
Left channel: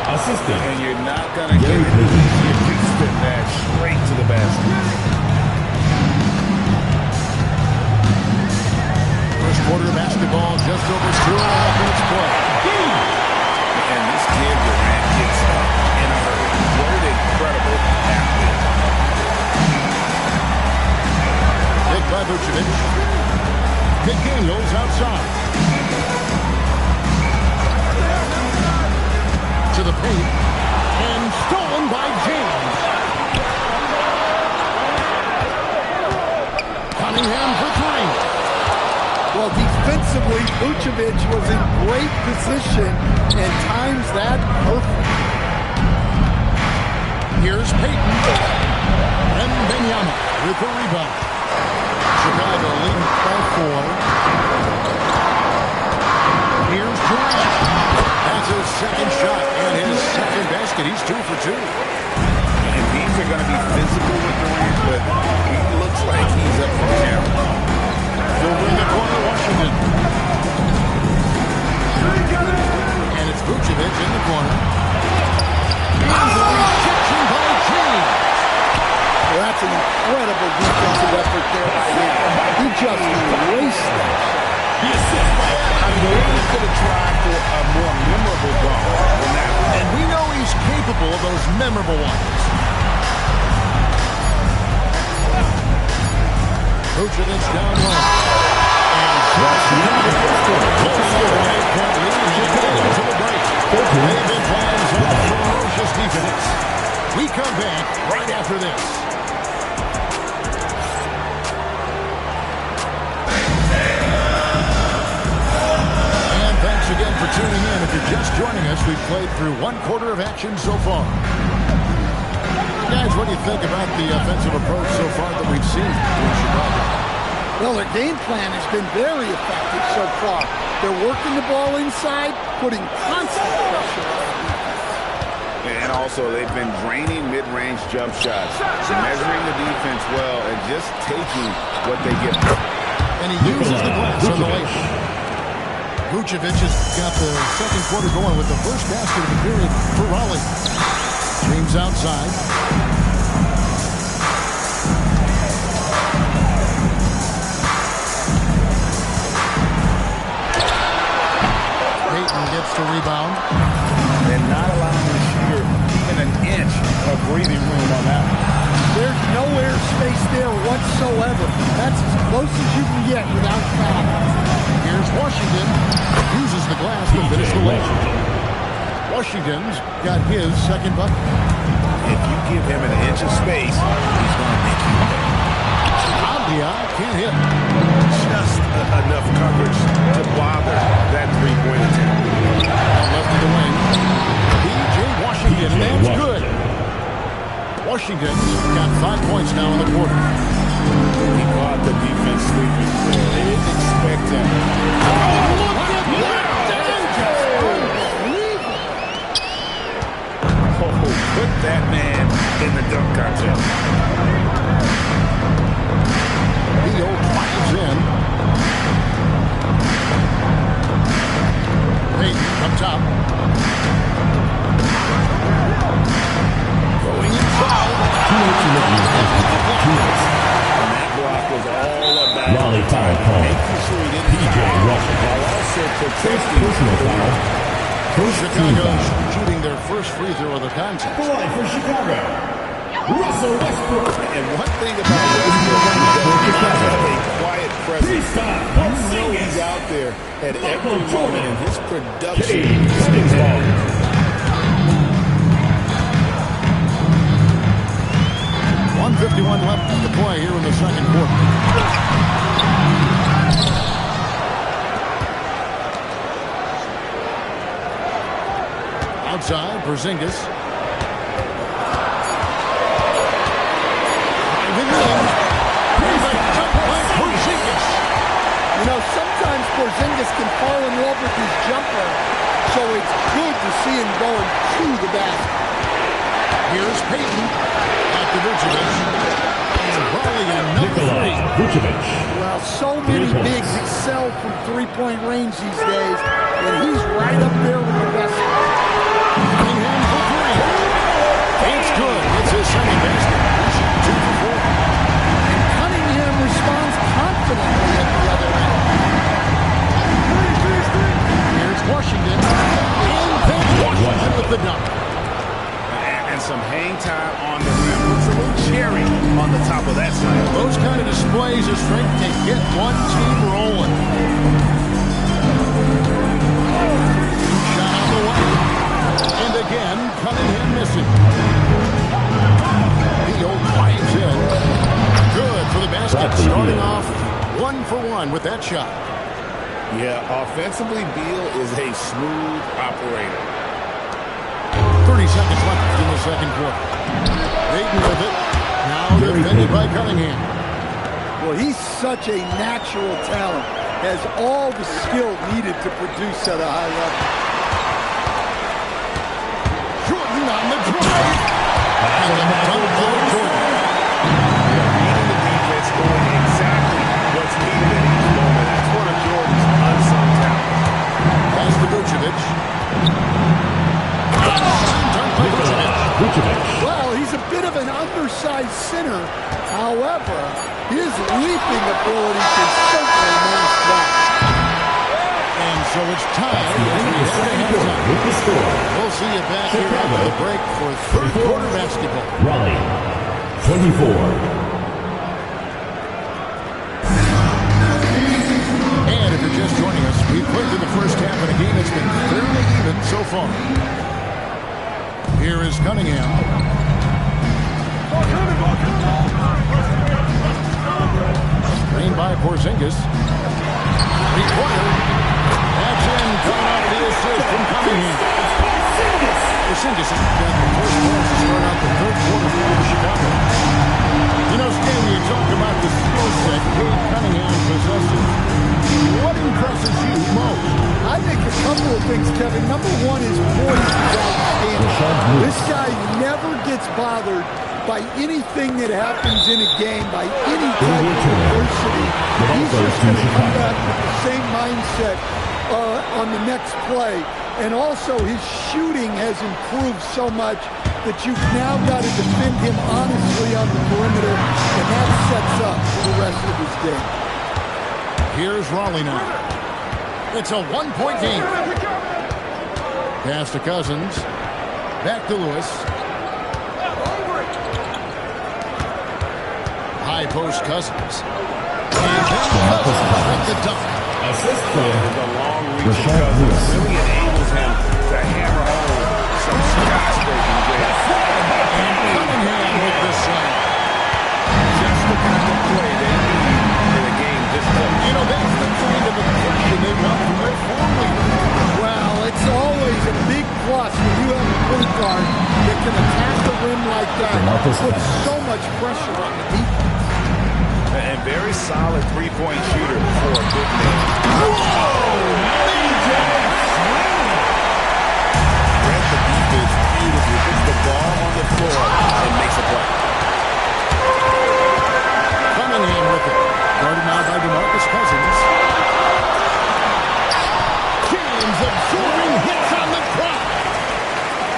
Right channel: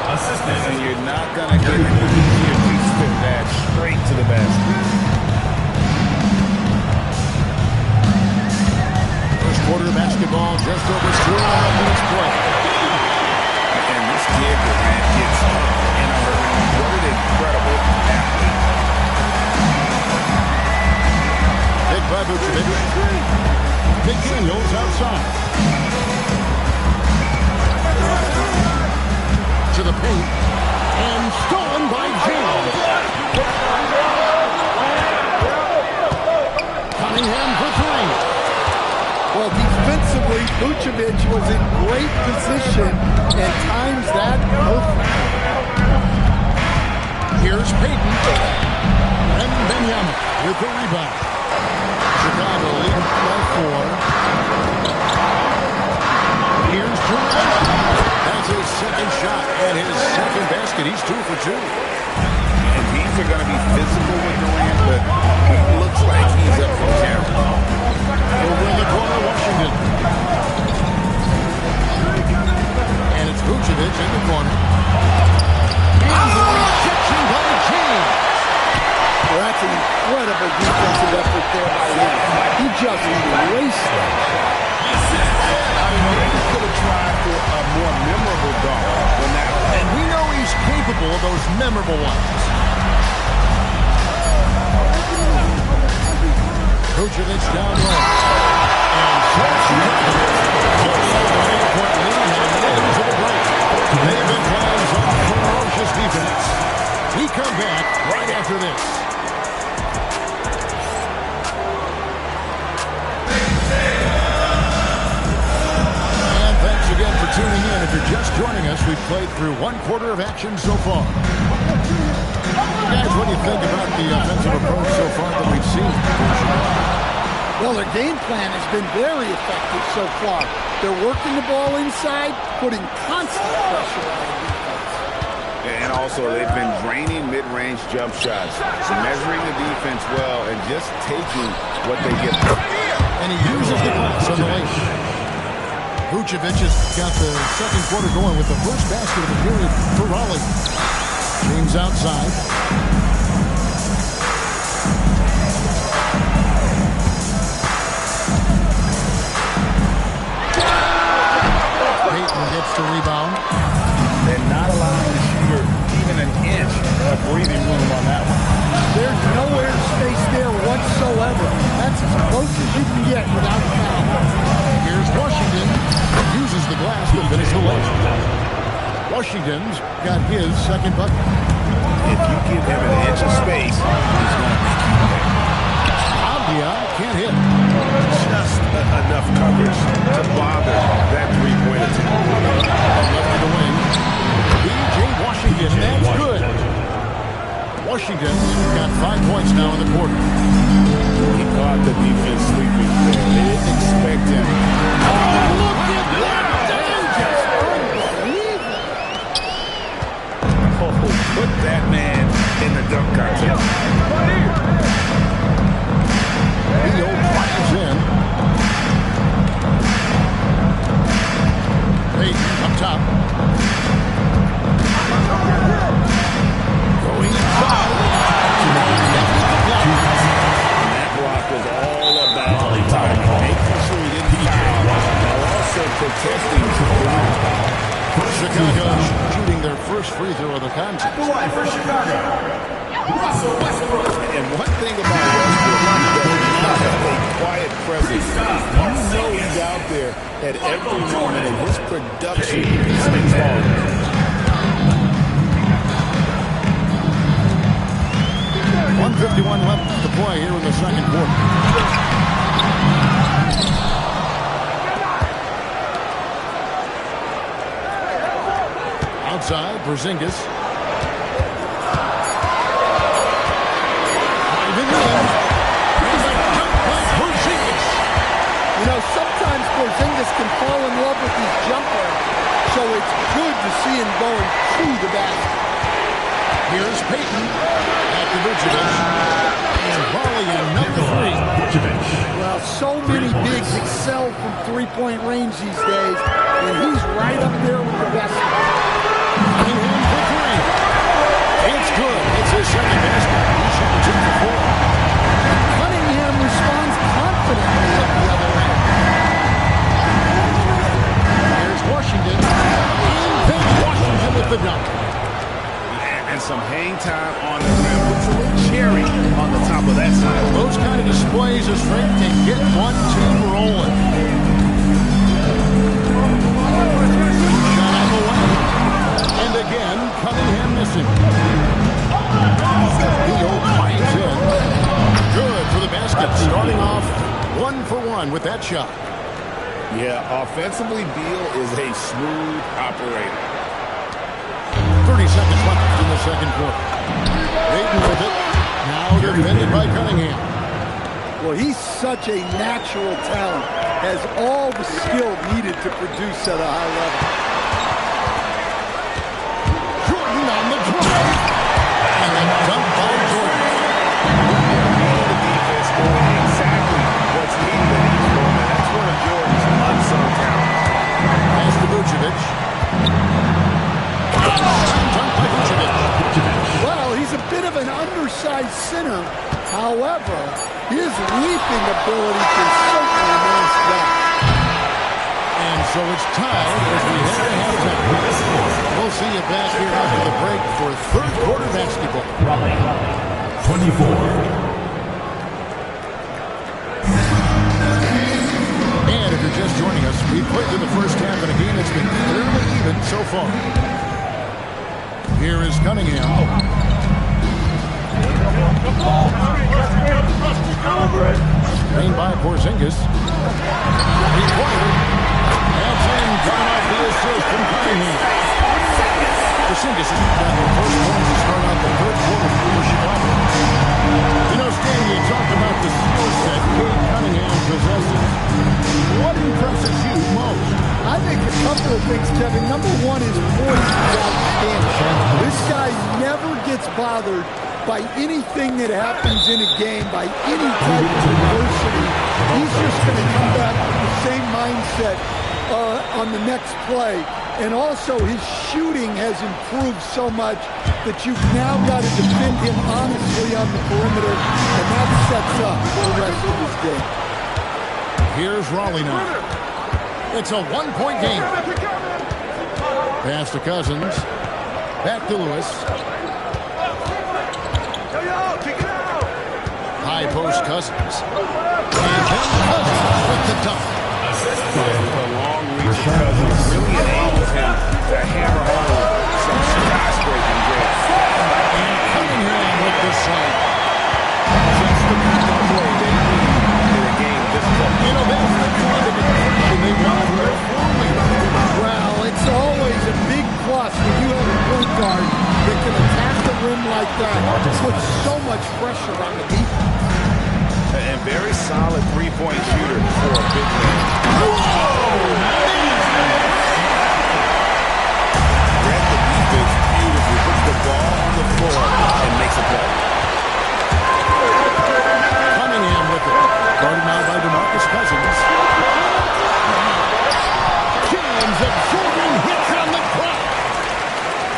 Assisted. And you're not going to get any easier kicks than that straight to the basket. First quarter of basketball, just over 2.5 minutes play. And this kid, Durant, gets up in a hurry. What an incredible athlete. Big by Vucevic. McDaniels outside. To the paint. And stolen by James. Cunningham for 3. Well, defensively, Vucevic was in great position and times that perfectly. Here's Payton. Mangum-BSM with the rebound. Chicago leading by 4. Here's Durant. That's his second shot and his second basket. He's 2 for 2. And teams are going to be physical with Durant, but he looks like he's up for challenge. Over in the corner, Washington. And it's Vucevic in the corner. And the rejection by James. Well, that's an incredible defensive effort there by him. He just erased that shot. I mean, maybe could have tried for a more memorable dunk than that one. And we know he's capable of those memorable ones. Vucevic down low. And Chicago holding up an 8-point lead and into the break. They've been playing some ferocious defense. We come back right after this. And thanks again for tuning in. If you're just joining us, we've played through 1 quarter of action so far. Guys, what do you think about the offensive approach so far that we've seen from Chicago? Well, their game plan has been very effective so far. They're working the ball inside, putting constant pressure on the defense. And also, they've been draining mid-range jump shots, measuring the defense well, and just taking what they get. And he uses the glass on the layup. Vucevic has got the second quarter going with the first basket of the period for Raleigh. James outside. Payton gets the rebound. And not allowing the shooter even an inch of breathing room on that one. There's no air space there whatsoever. That's as close as you can get without foul. Here's Washington. Uses the glass to finish the layup. Washington's got his second bucket. If you give him an inch of space, he's going to make you pay. Abdia can't hit. Just enough coverage to bother that three-point attempt. And left of the wing. B.J. Washington, and that's good. Washington's got 5 points now in the quarter. He caught the defense sleeping there. They didn't expect him. Oh, look at that! Just unbelievable. Oh, put that man in the dunk contest. Theo drives in. Payton up top. Going inside. With the block. And that block was all about making sure he didn't foul while also protecting the rim. Chicago shooting their first free throw of the contest. The line for Chicago, Russell Westbrook. And one thing about Westbrook, he does not have a quiet presence. You know he's out there at every moment, and his production speaks volumes. 1:51 left to play here in the second quarter. Outside, Porzingis. Driving in. Here's a jump by Porzingis. You know, sometimes Porzingis can fall in love with his jumper, so it's good to see him going to the basket. Here's Payton. Back to Vucevic. And Raleigh in number 3. Vucevic. Well, so many bigs excel from three-point range these days, and he's right up there with the best. Cunningham for 3. It's good. It's his second basket. He's shooting 2 for 4. And Cunningham responds confidently at the other end. Here's Washington. And then Washington with the dunk. And some hang time on the rim. Puts a little cherry on the top of that slam. Those kind of displays of strength can get one team rolling. Shot on the way. And again, Cunningham missing. Beal climbs in. Good for the basket. Starting off 1 for 1 with that shot. Yeah, offensively, Beal is a smooth operator. 30 seconds left in the second quarter. Payton with it. Now defended by Cunningham. Well, he's such a natural talent. Has all the skill needed to produce at a high level. Jordan on the drive. And the dunk by Jordan. They're reading the defense, doing exactly what's needed at each moment. That's one of Jordan's unsung talents. Pass to Vucevic. Dunk by Vucevic. Well, he's a bit of an undersized center. However, his leaping ability can certainly mask that. And so it's tied as we head to halftime. We'll see you back here after the break for third quarter basketball. Raleigh, 24. And if you're just joining us, we've played through the first half in a game that's been fairly even so far. Here is Cunningham. Screen by Porzingis. Required. Adds in, coming off the assist from Cunningham. Porzingis has got the first points to start out the third quarter for Chicago. You know, Stan, you talk about the skill set Cade Cunningham possesses. What impresses you most? I think a couple of things, Kevin. Number one, his poise is outstanding. This guy never gets bothered by anything that happens in a game, by any type of adversity. He's just going to come back with the same mindset on the next play. And also, his shooting has improved so much that you've now got to defend him honestly on the perimeter, and that sets up for the rest of his game. Here's Raleigh now. It's a one-point game. Pass to Cousins. Back to Lewis. High post Cousins. And then Cousins with the dunk. The long reach of Cousins really enables him to hammer home some skyscraping jams. And Cunningham with the slam. Just the kind of play they need in a game this close. You know, that's the kind of aggression they want from their floor leader. Well, it's always a big plus when you have a point guard that can attack the rim like that, put so much pressure on the defense. And very solid three-point shooter for a big man. Whoa! Read the defense beautifully, puts the ball on the floor and makes a play. Cunningham with it. Guarded now by DeMarcus Cousins. James absorbing hits on the crowd.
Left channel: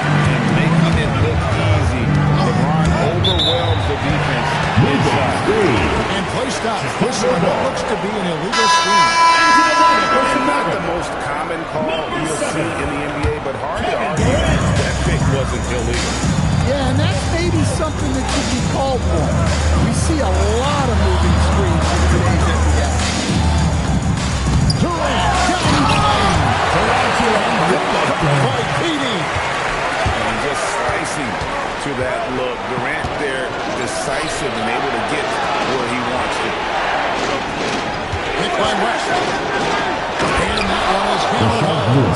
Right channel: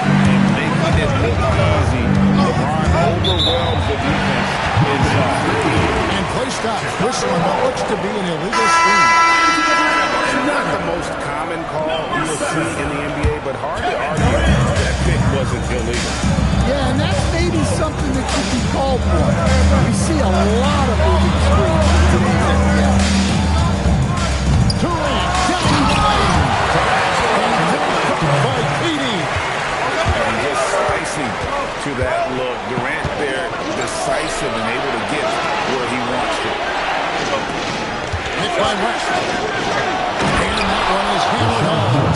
And making it look easy. LeBron overwhelms the defense inside. And play stops, whistling what looks to be an illegal screen. And not the most common call you'll see in the NBA, but hard to argue that pick wasn't illegal. Yeah, and that's maybe something that should be called for. We see a lot of moving screens in today's NBA. Durant down the lane. And finished by Petey. And just slicing to that look. Durant there, decisive and able to get where he wants to. Hit by West. And that one is hammered home.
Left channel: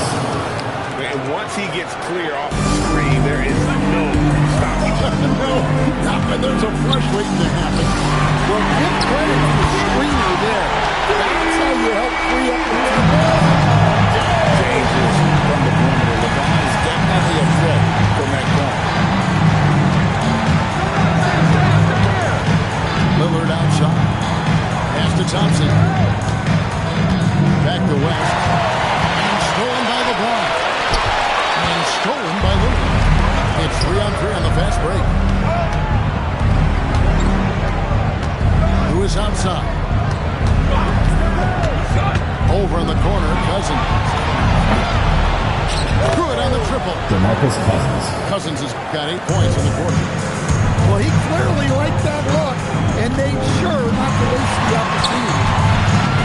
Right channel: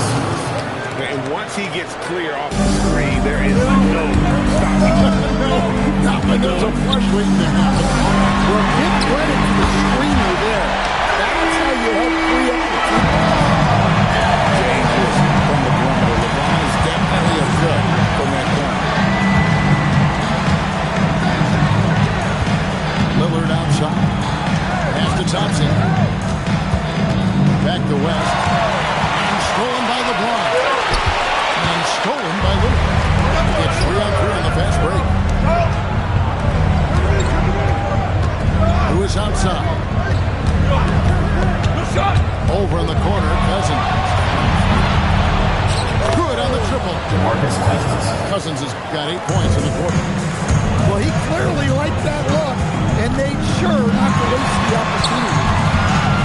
And once he gets clear off the screen, there is no stopping him. No, not when there's a flush waiting to happen. Well, give credit to the screener there. That's how you help free up the team. Dangerous from the perimeter. LeBron is definitely a threat from that corner. Lillard outside. Pass to Thompson. Back to West. And stolen by LeBron. And stolen by Lillard. It's 3-on-3 on the fast break. Who is outside? Over in the corner, Cousins. Good on the triple. DeMarcus Cousins. Cousins has got 8 points in the quarter. Well, he clearly liked that look and made sure not to waste the opportunity.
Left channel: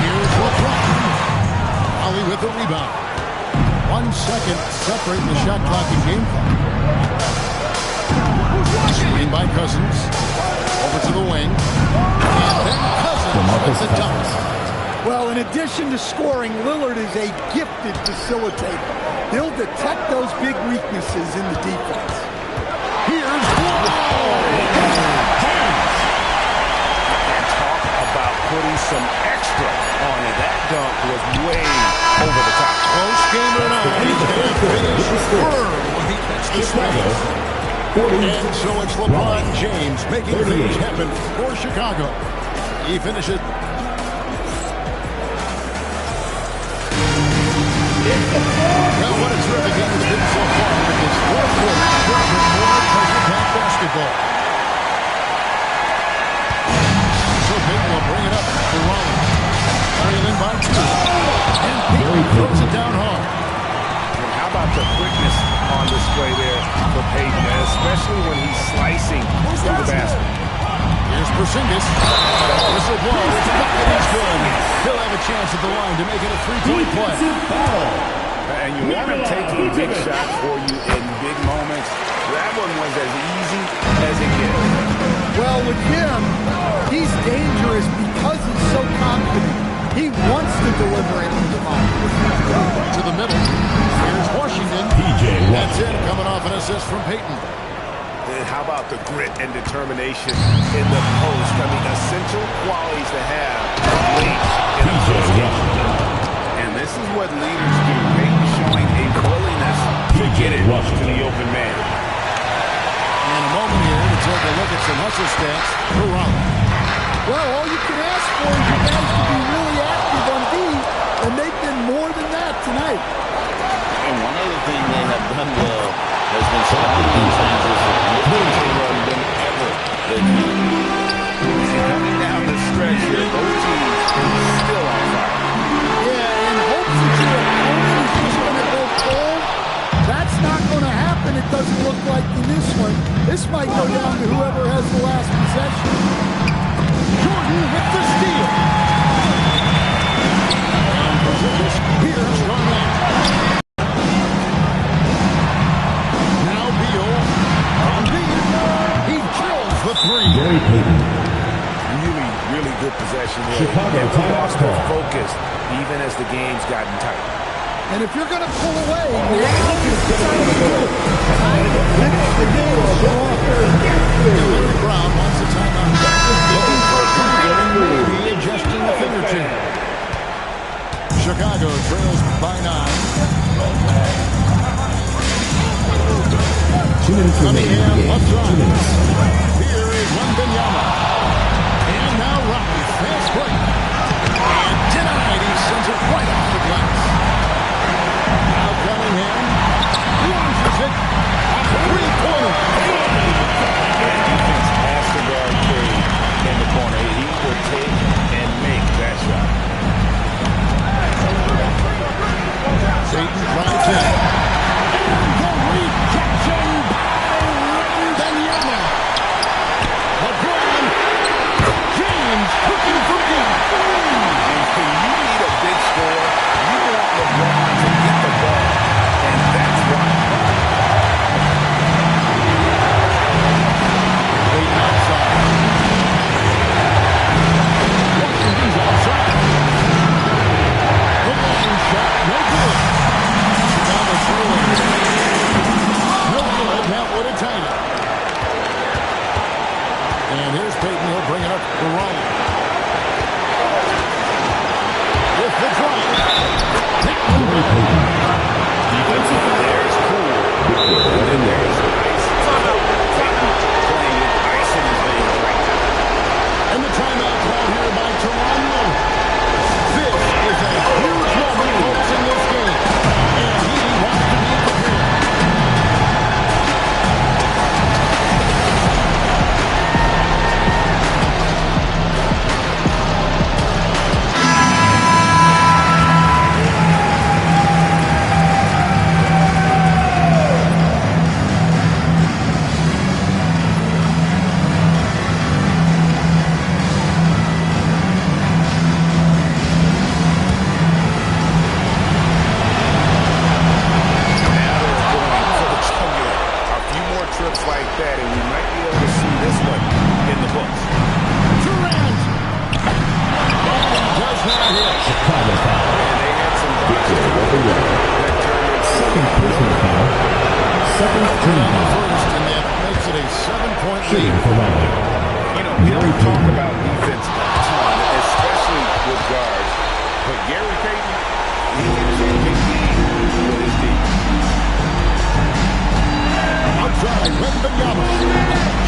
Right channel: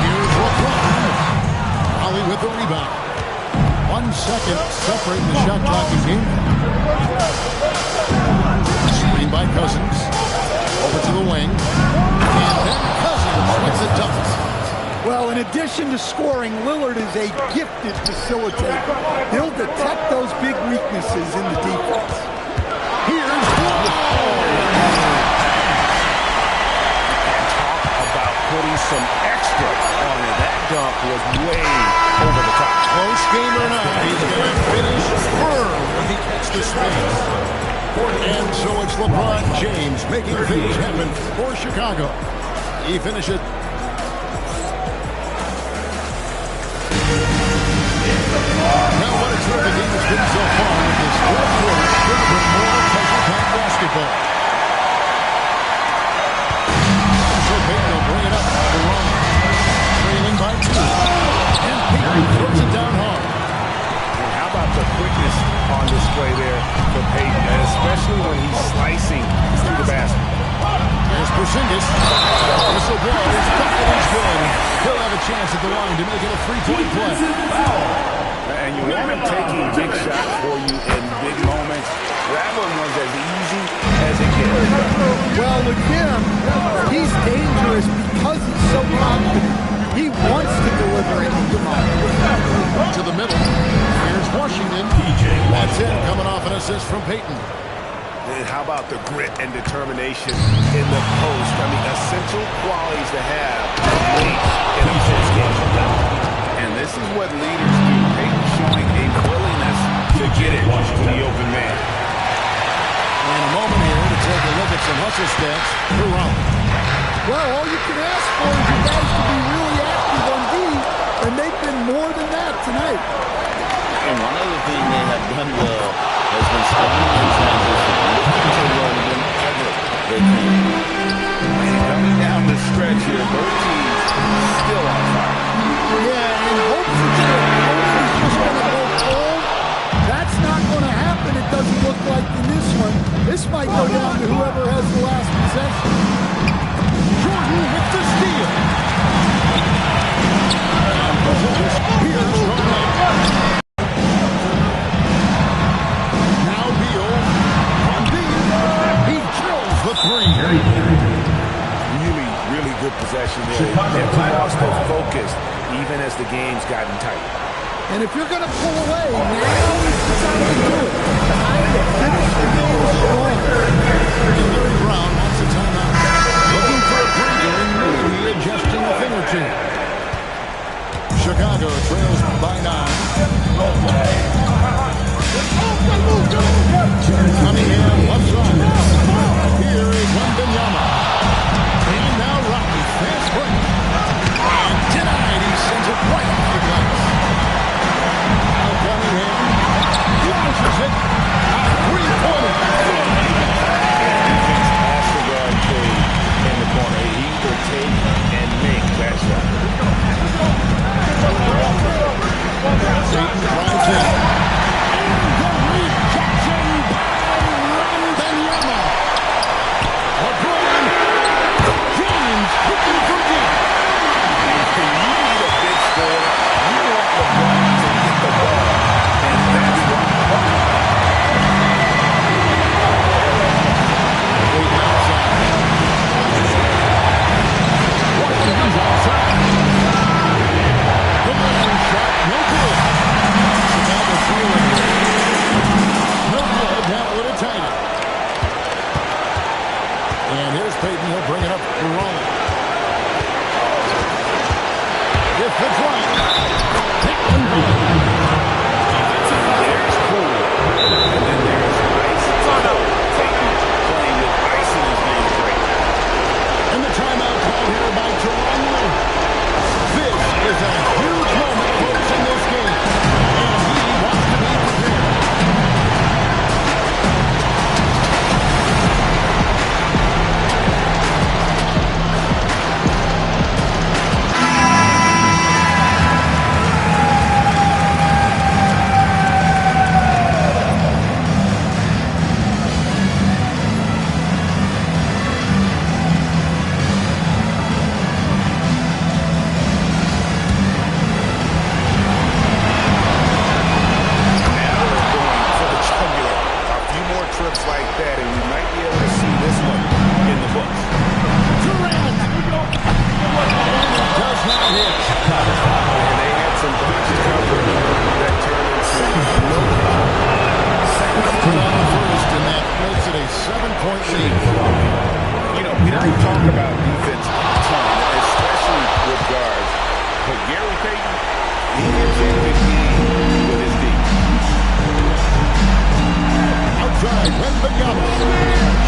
Here's LeBron. Ollie with the rebound. 1 second separating the shot clock and game clock. Screen by Cousins. Over to the wing. And then Cousins with the dunk. Well, in addition to scoring, Lillard is a gifted facilitator. He'll detect those big weaknesses in the defense. Here's Wall. And talk about putting some extra on it. That dunk was way over the top. Close game or not, he's going to finish firm when he gets the space. And so it's LeBron James making things happen for Chicago. He finishes. Now, what a terrific game it's been so far with this fourth quarter. Sure to bring more pressure-packed basketball. So Payton will bring it up for Rollins. Trailing by 2. And Payton throws it down hard. And how about the quickness on display there for Payton, especially when he's slicing through the basket. Here's Porzingis. Whistle blows. Bucket is good. He'll have a chance at the line to make it a 3-point play. And you want him taking big shots for you in big moments. That one was as easy as it gets. Well, with him, he's dangerous because he's so confident. He wants to deliver it in the moment. To the middle. Here's Washington. That's in, coming off an assist from Payton. And how about the grit and determination in the post? I mean, essential qualities to have late in a post game. And this is what leaders do. Payton showing a willingness to get it to the open man. And a moment here to take a look at some hustle stats for Rollins. Well, all you can ask for is you guys to be really active on D, and they've been more than that tonight. And one other thing they have done well has been stopping in transition, looking to run whenever they can. And coming down the stretch here, both teams still on fire. Yeah, and hopes that your opponent is just going to go cold. That's not going to happen, it doesn't look like in this one. This might go down to whoever has the last possession. Jordan with the steal. And Porzingis, here's Garnett. Now Beal on deep. He drills the 3. Really good possession there. Never lost their focus, even as the game's gotten tight. And if you're going to pull away, now is the time to do it. Time to finish the game strong. And Larry Brown wants a timeout. Looking for a breather and maybe adjusting a thing or two. Chicago trails by 9. Cunningham left side. Here is Wembanyama. And now Rocky, fast break. And denied, he sends it right off the glass. Now Cunningham launches it. A 3-pointer. And defense has to guard Cade in the corner. He will take and make that shot. Satan drives in. And the rejection by Wembanyama. LeBron James hooking from deep. And when you need a big score, you want LeBron to get the ball. And that's why. Waiting outside. Washington's outside. The long shot, no good. Chicago trailing. No good, that would have tied it. And here's Payton, he'll bring it up for Raleigh. With the drive. That one good. Defensively, there's cool. And then there's ice. Payton playing with ice in his veins right now. And the timeout called here by Tyronn Lue. This is a huge moment, folks, in this game. And he wants to be prepared. Trips like that, and we might be able to see this one in the books. Durant! And he does not hit. And they had some boxes covered that turned into no foul. Second put on the first, and that makes it a 7-point lead. You know, we don't talk about defense a ton, especially with guards, but Gary Payton, he can change a game with his defense. Outside, Wembanyama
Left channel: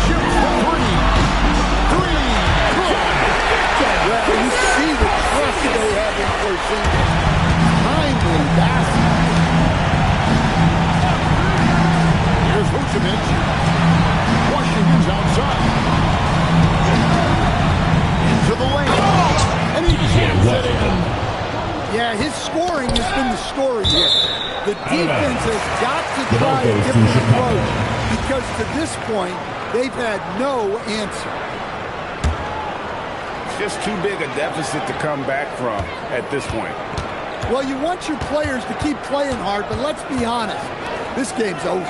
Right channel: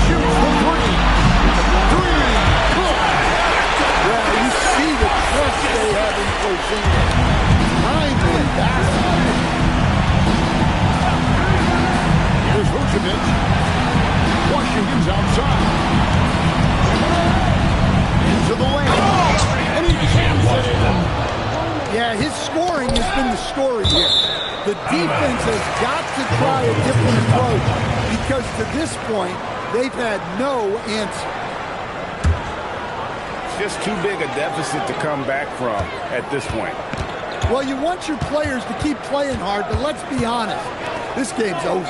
shoots the three. Good. Well, you see the trust they have in Porzingis. Timely basket. Here's Vucevic. Washington's outside. Into the lane. And he jams it in. Yeah, his scoring has been the story here. The defense has got to try a different approach because to this point, they've had no answer. It's just too big a deficit to come back from at this point. Well, you want your players to keep playing hard, but let's be honest, this game's over.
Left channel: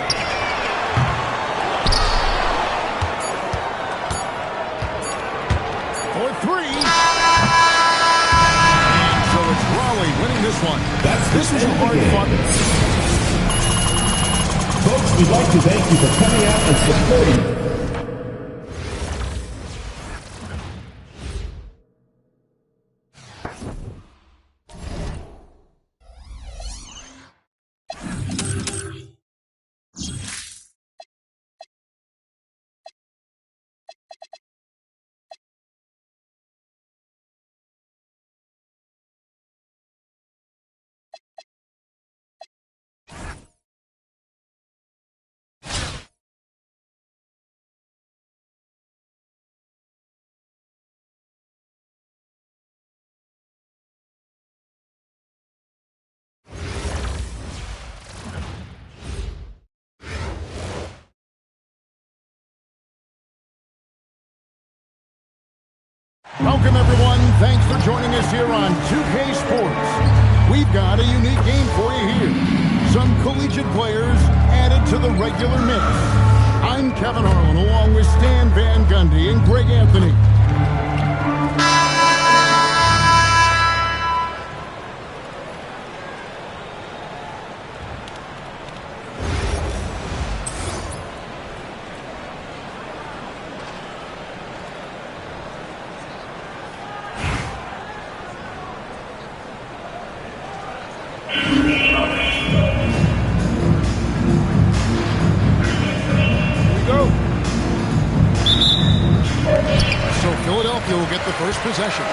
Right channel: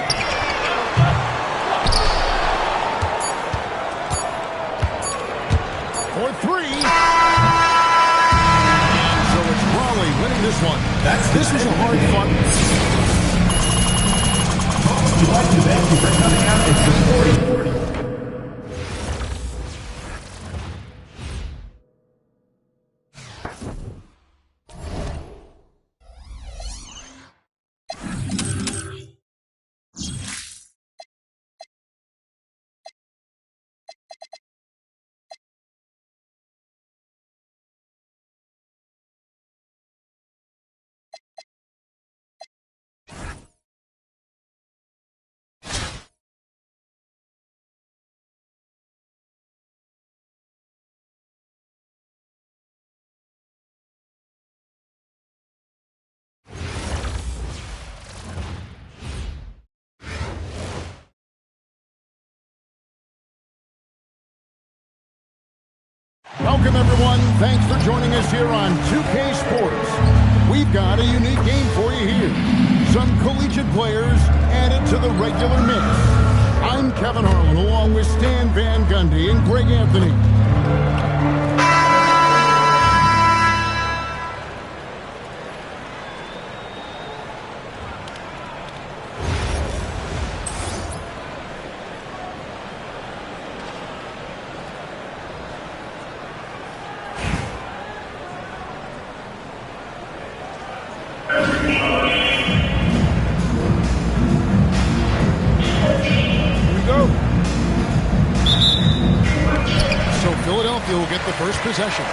For three. So it's Raleigh winning this one. This was a hard-fought. Folks, we'd like to thank you for coming out and supporting. Welcome, everyone. Thanks for joining us here on 2K Sports. We've got a unique game for you here. Some collegiate players added to the regular mix. I'm Kevin Harlan, along with Stan Van Gundy and Greg Anthony. So Philadelphia will get the first possession.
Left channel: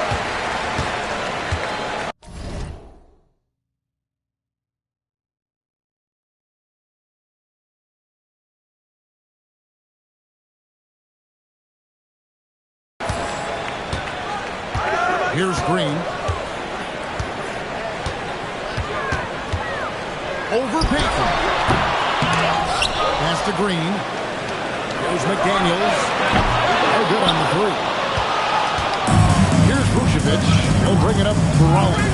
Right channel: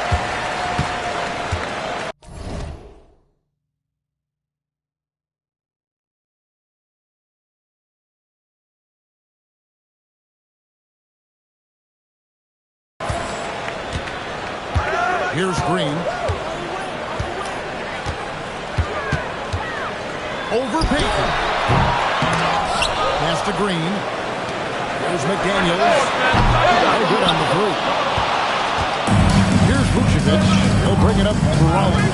Here's Green. over Payton. Pass to Green. Here's McDaniels. No good on the three. Here's Vucevic. He'll bring it up for Raleigh.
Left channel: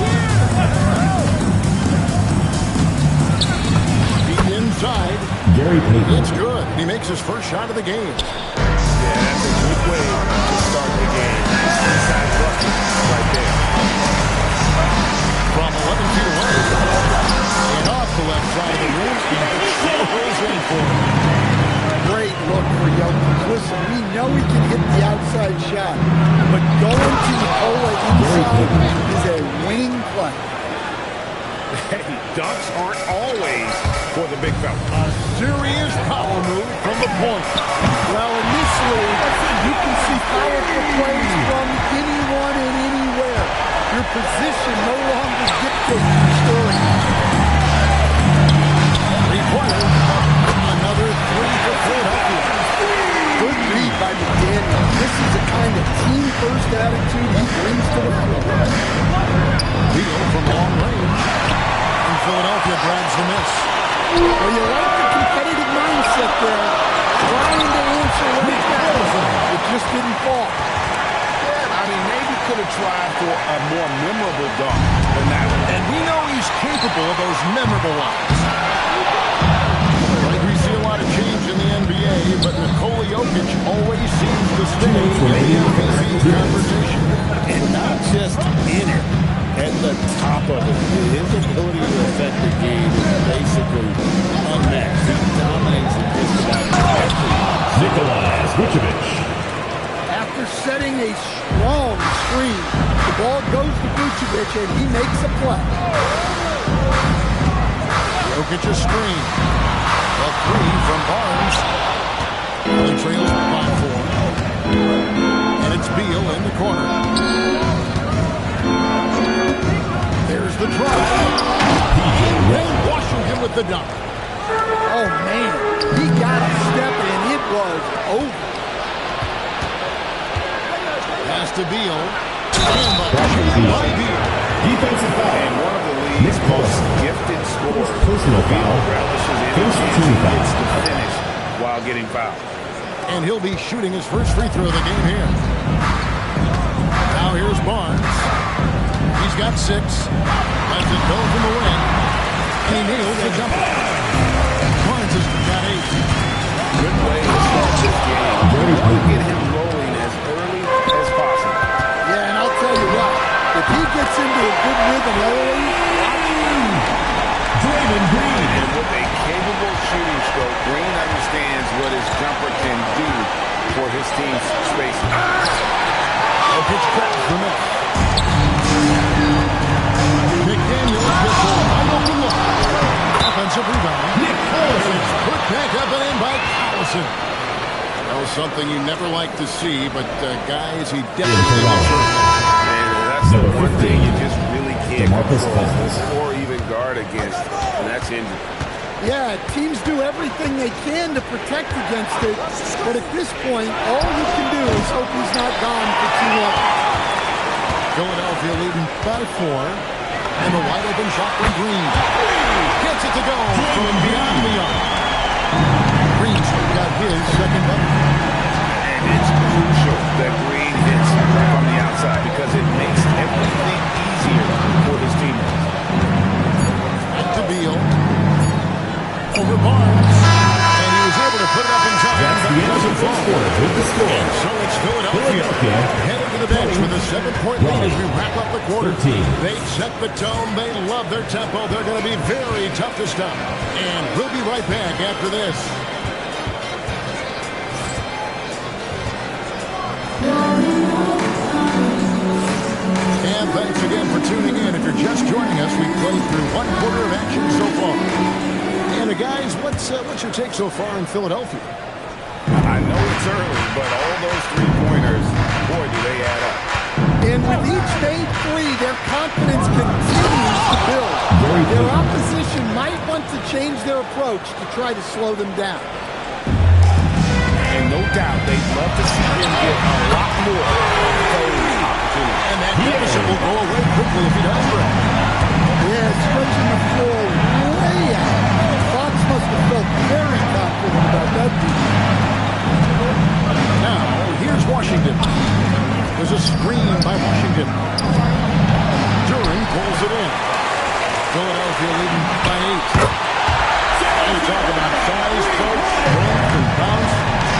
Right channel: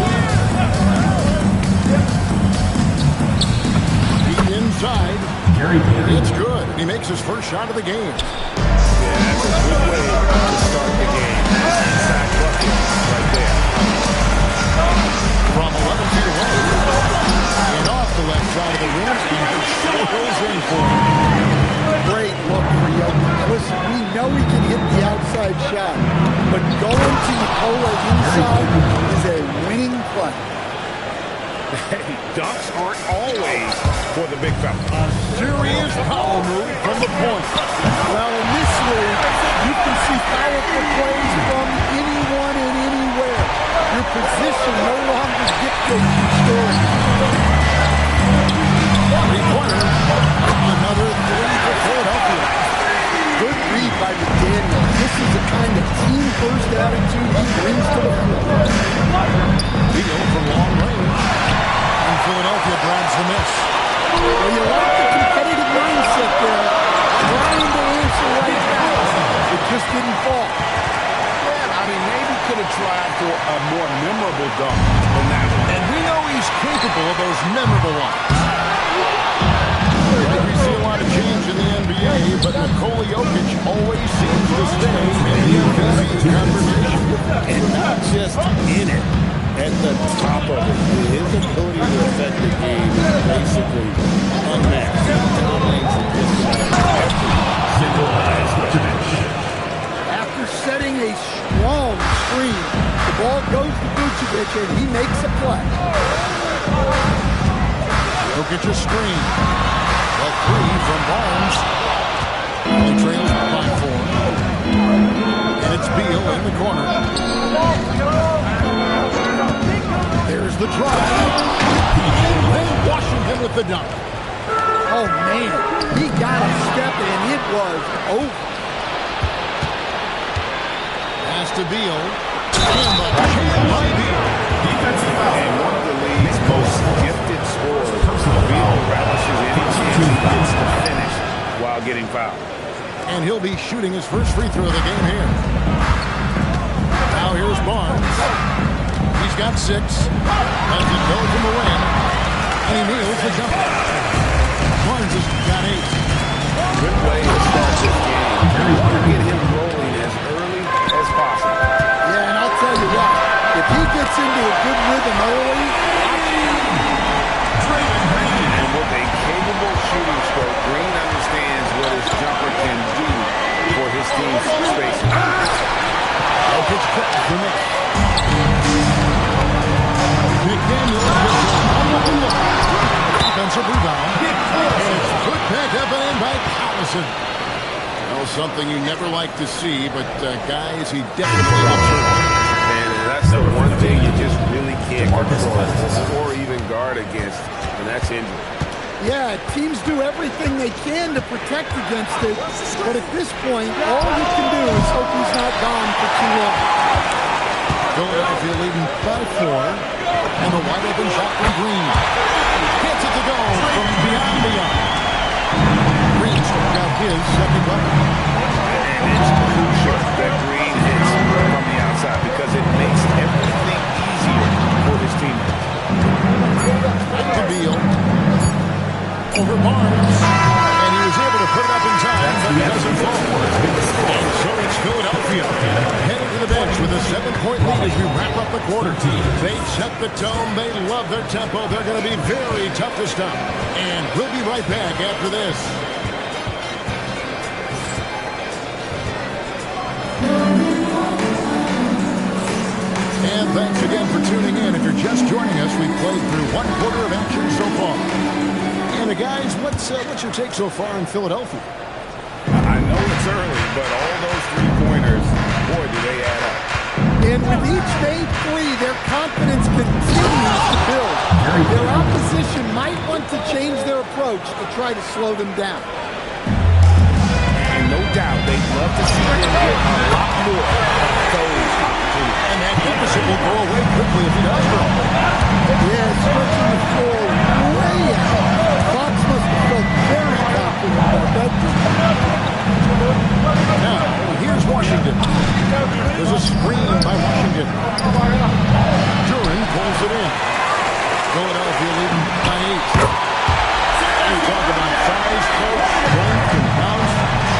Deep inside. Gary Payton. It's good. He makes his first shot of the game. Yeah, that's a good way to start the game. Nice inside bucket right there. From 11 feet away. And off the left side of the rim. He swirls in for him. Great look for Jokic. Listen, we know he can hit the outside shot, but going to Nikola inside is a winning play. Hey, dunks aren't always for the big fella. A serious power move from the point. Well, in this league, you can see powerful plays from anyone and anywhere. Your position no longer dictates your story. Three-pointer. Another three for Philadelphia. Good read by McDaniels. This is the kind of team-first attitude he brings to the floor. Beal from long range. And Philadelphia grabs the miss. Well, you like the competitive mindset there. Trying to answer right back. It just didn't fall. Yeah, I mean, maybe could have tried for a more memorable dunk than that one. And we know he's capable of those memorable ones. Right, we see a lot of change in the NBA, but Nikola Jokic always seems to stay in the MVP conversation. And not just in it, at the top of it. His ability to affect the game is basically unmatched. He dominates in just about every. Nikolai Vucevic. After setting a strong screen, the ball goes to Vucevic and he makes a play. Jokic a screen. The three from Barnes. Only trails by 4. And it's Beal in the corner. There's the drive. And then Washington with the dunk. Oh, man. He got a step and it was over. Pass to Beal. And the jam by Beal. Defensive foul. And one of the league's most gifted scorers, Personal Beal foul. relishes any chance he gets to finish while getting fouled. And he'll be shooting his first free throw of the game here. Now here's Barnes. He's got 6. Lets it go from the wing. And he nails the jumper. Barnes has got 8. Good way to start this game. You want to get him rolling as early as possible. Yeah, and I'll tell you what. If he gets into a good rhythm early, watch out. Draymond Green. And with a capable shooting stroke, Green understands what his jumper can do for his team's spacing. Jokic grabs the miss. McDaniels gets a wide open look. Offensive rebound. And it's put back up and in by Collison. Well, something you never like to see, but guys, he definitely looks hurt. And that's the one thing you just really can't control or even guard against, and that's injury. Yeah, teams do everything they can to protect against it, but at this point, all you can do is hope he's not gone for too long. Philadelphia leading by 4, and the wide open shot from Green. Gets it to go from beyond. Green's got his second bucket. And it's crucial that Green hits from the outside because it makes everything easier for his teammates. Back to Beal. Over Barnes. And he was able to put it up in time, but it doesn't fall. And so it's Philadelphia headed to the bench with a 7-point lead as we wrap up the quarter. They set the tone. They love their tempo. They're going to be very tough to stop. And we'll be right back after this. And thanks again for tuning in. If you're just joining us, we've played through 1 quarter of action so far. And guys, what's your take so far in Philadelphia? I know it's early, but all those 3-pointers, boy, do they add up. And with each made 3, their confidence continues to build. Their opposition might want to change their approach to try to slow them down. And no doubt they'd love to see him get a lot more of those opportunities. And that deficit will go away quickly if he does, bro. Yeah, stretching the floor way out. confident about that defense. Now, here's Washington. There's a screen by Washington. Duran pulls it in. Philadelphia leading by 8. You talk about size, coach, strength, and bounce.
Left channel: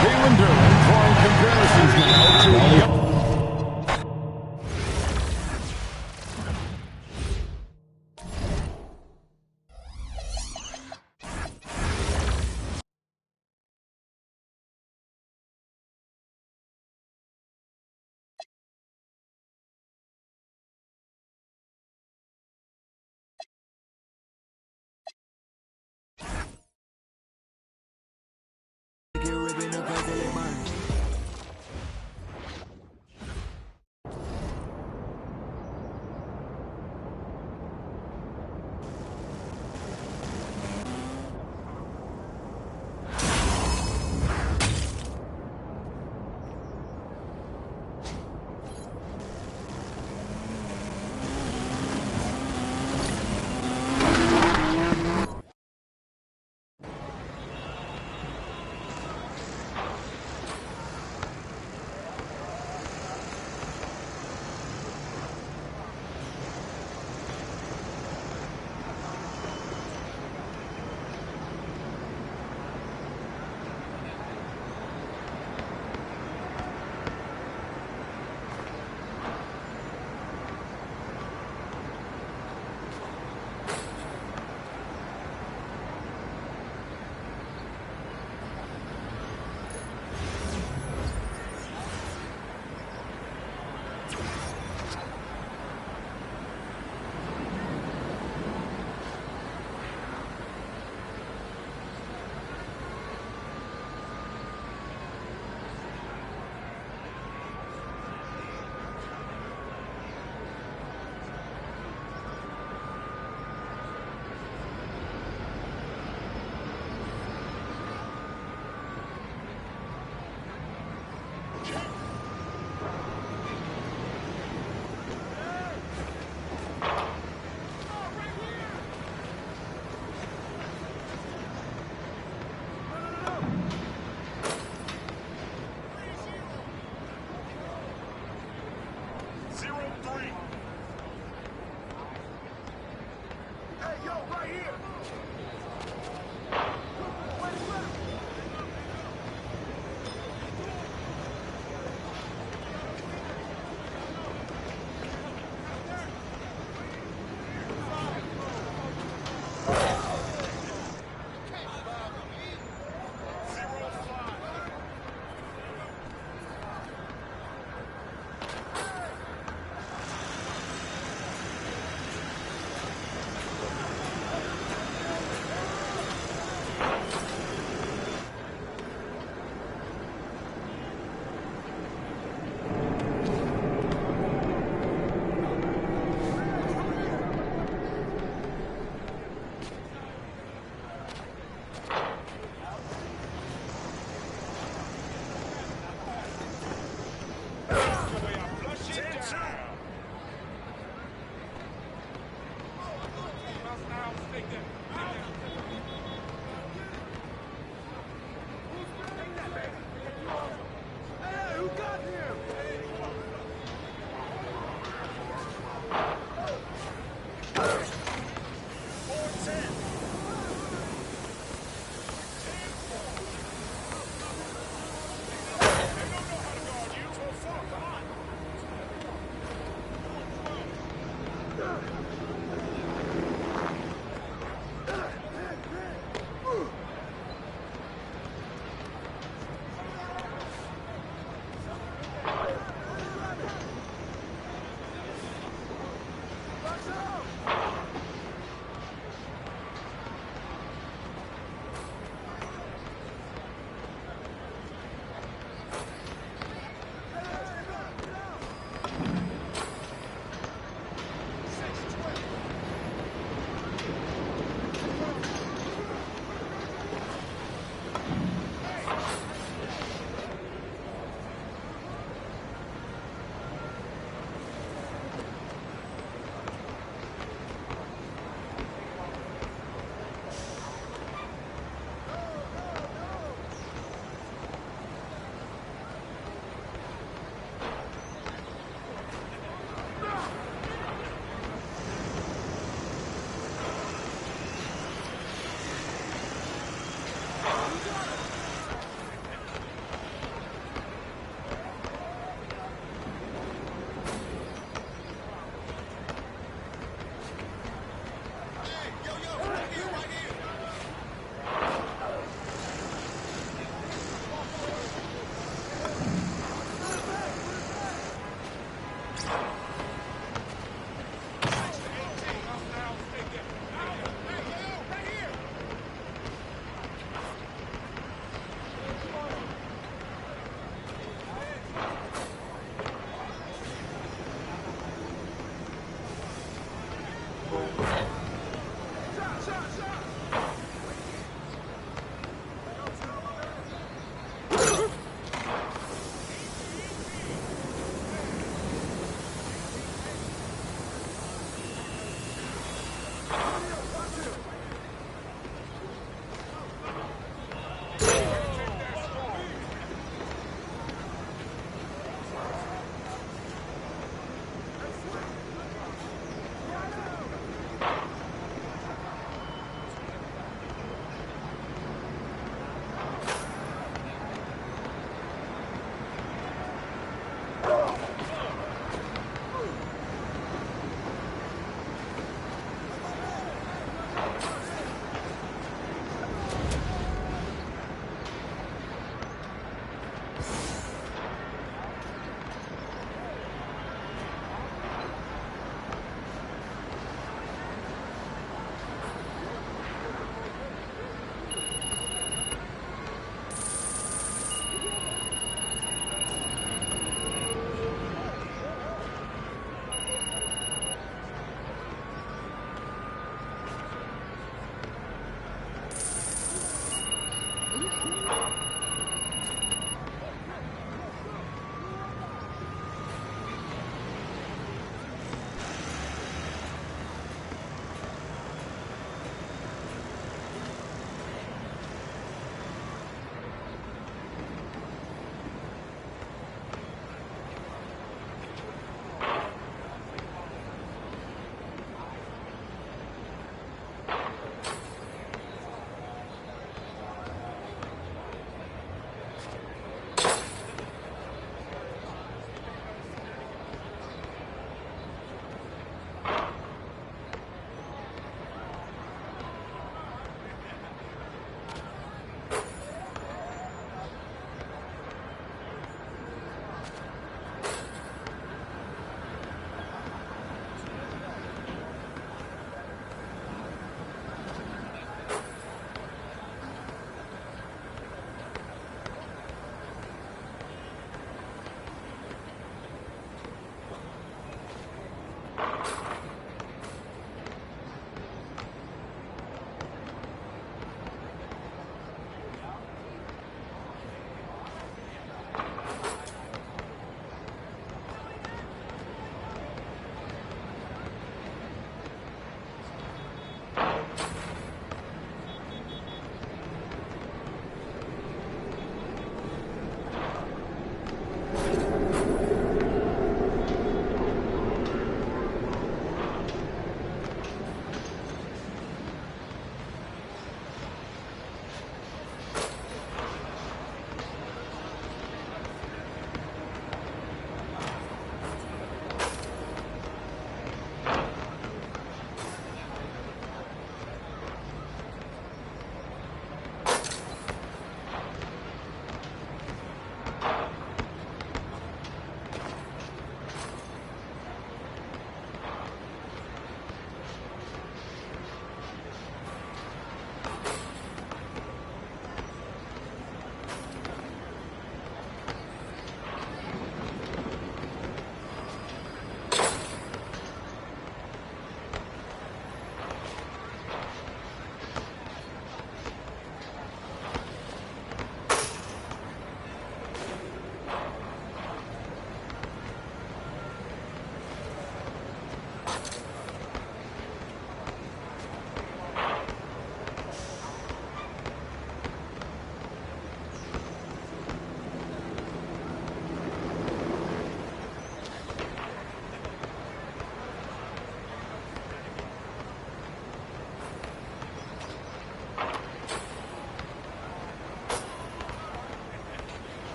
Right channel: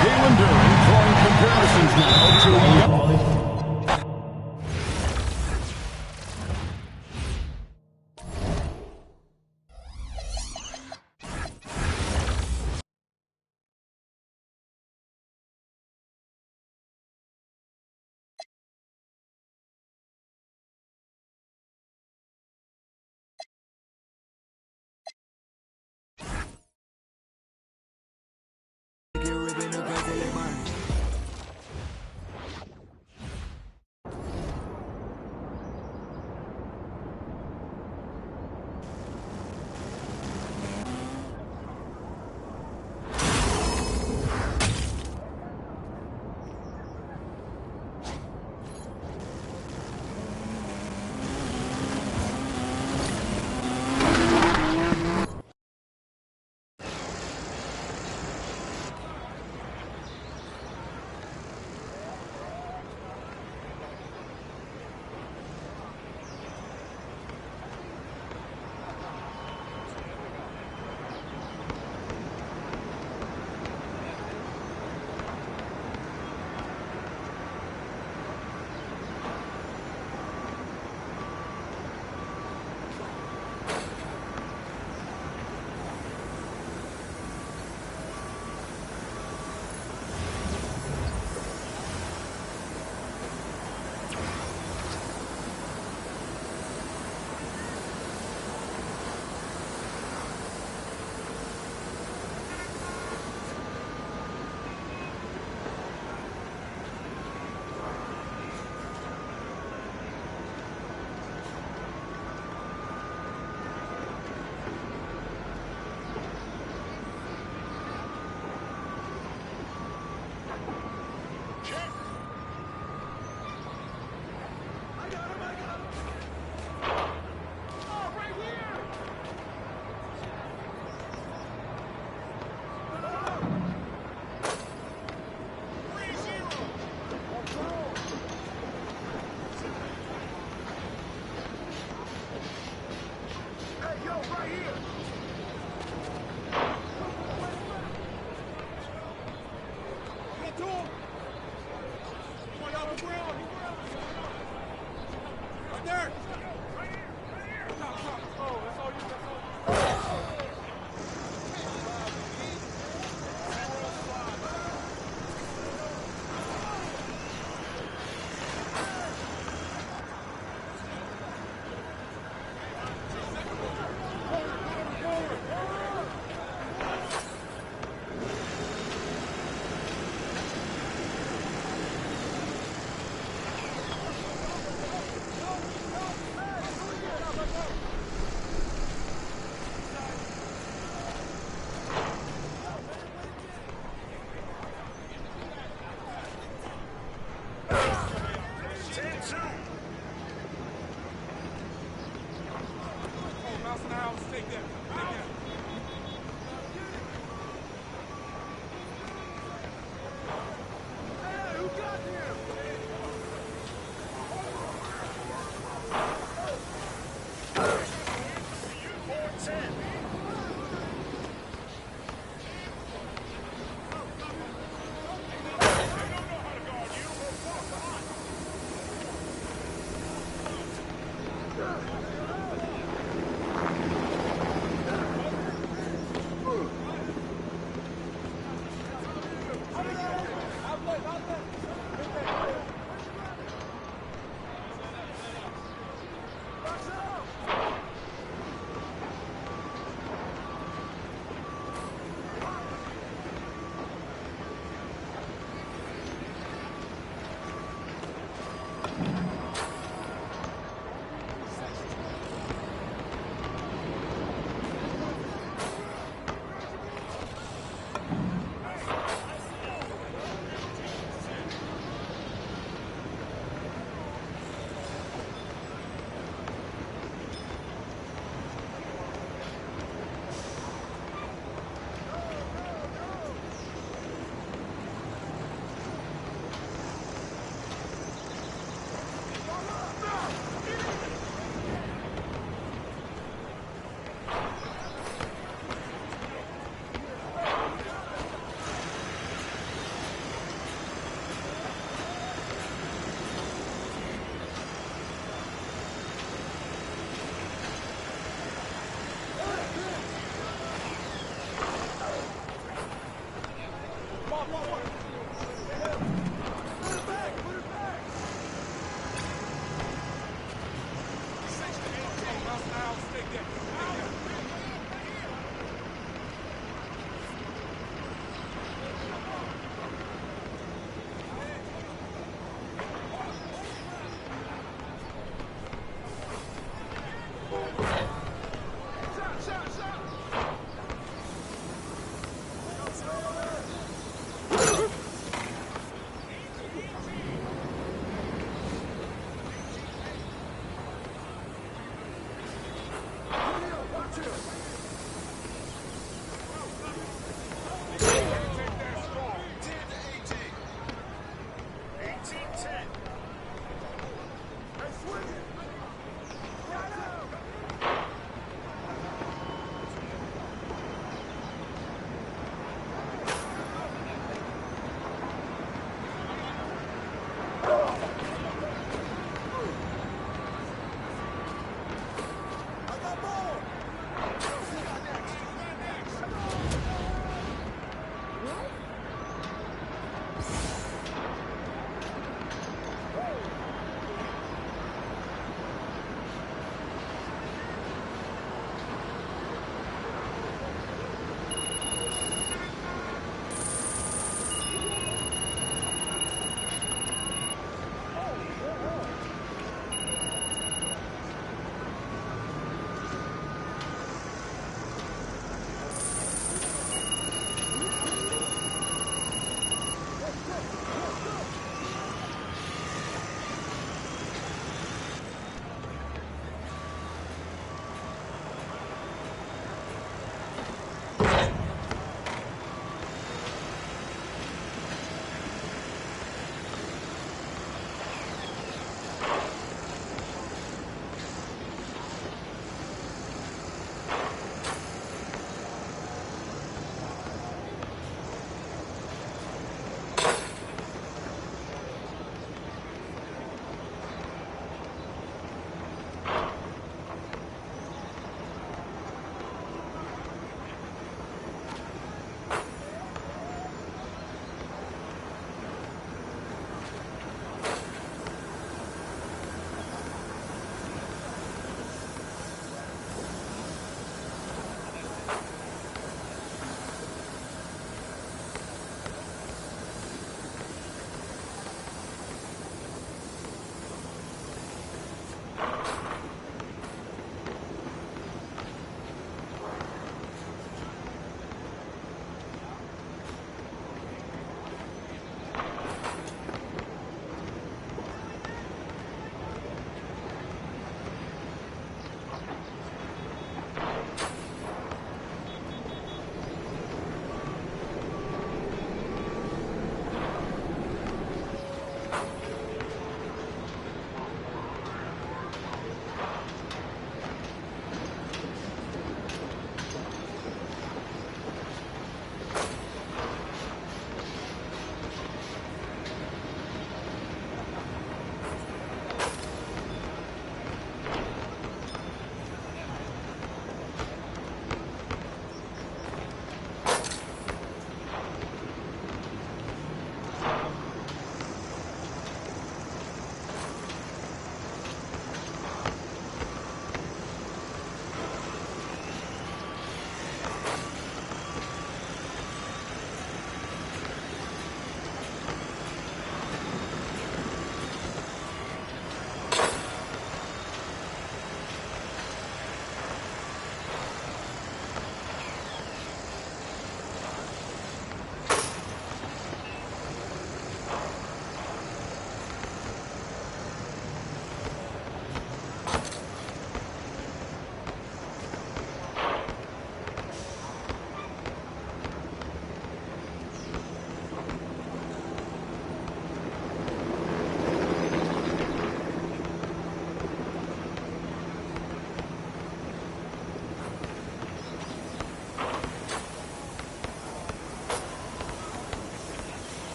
Jalen Duran drawing comparisons now to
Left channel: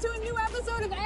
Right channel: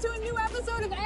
welcome to a new episode of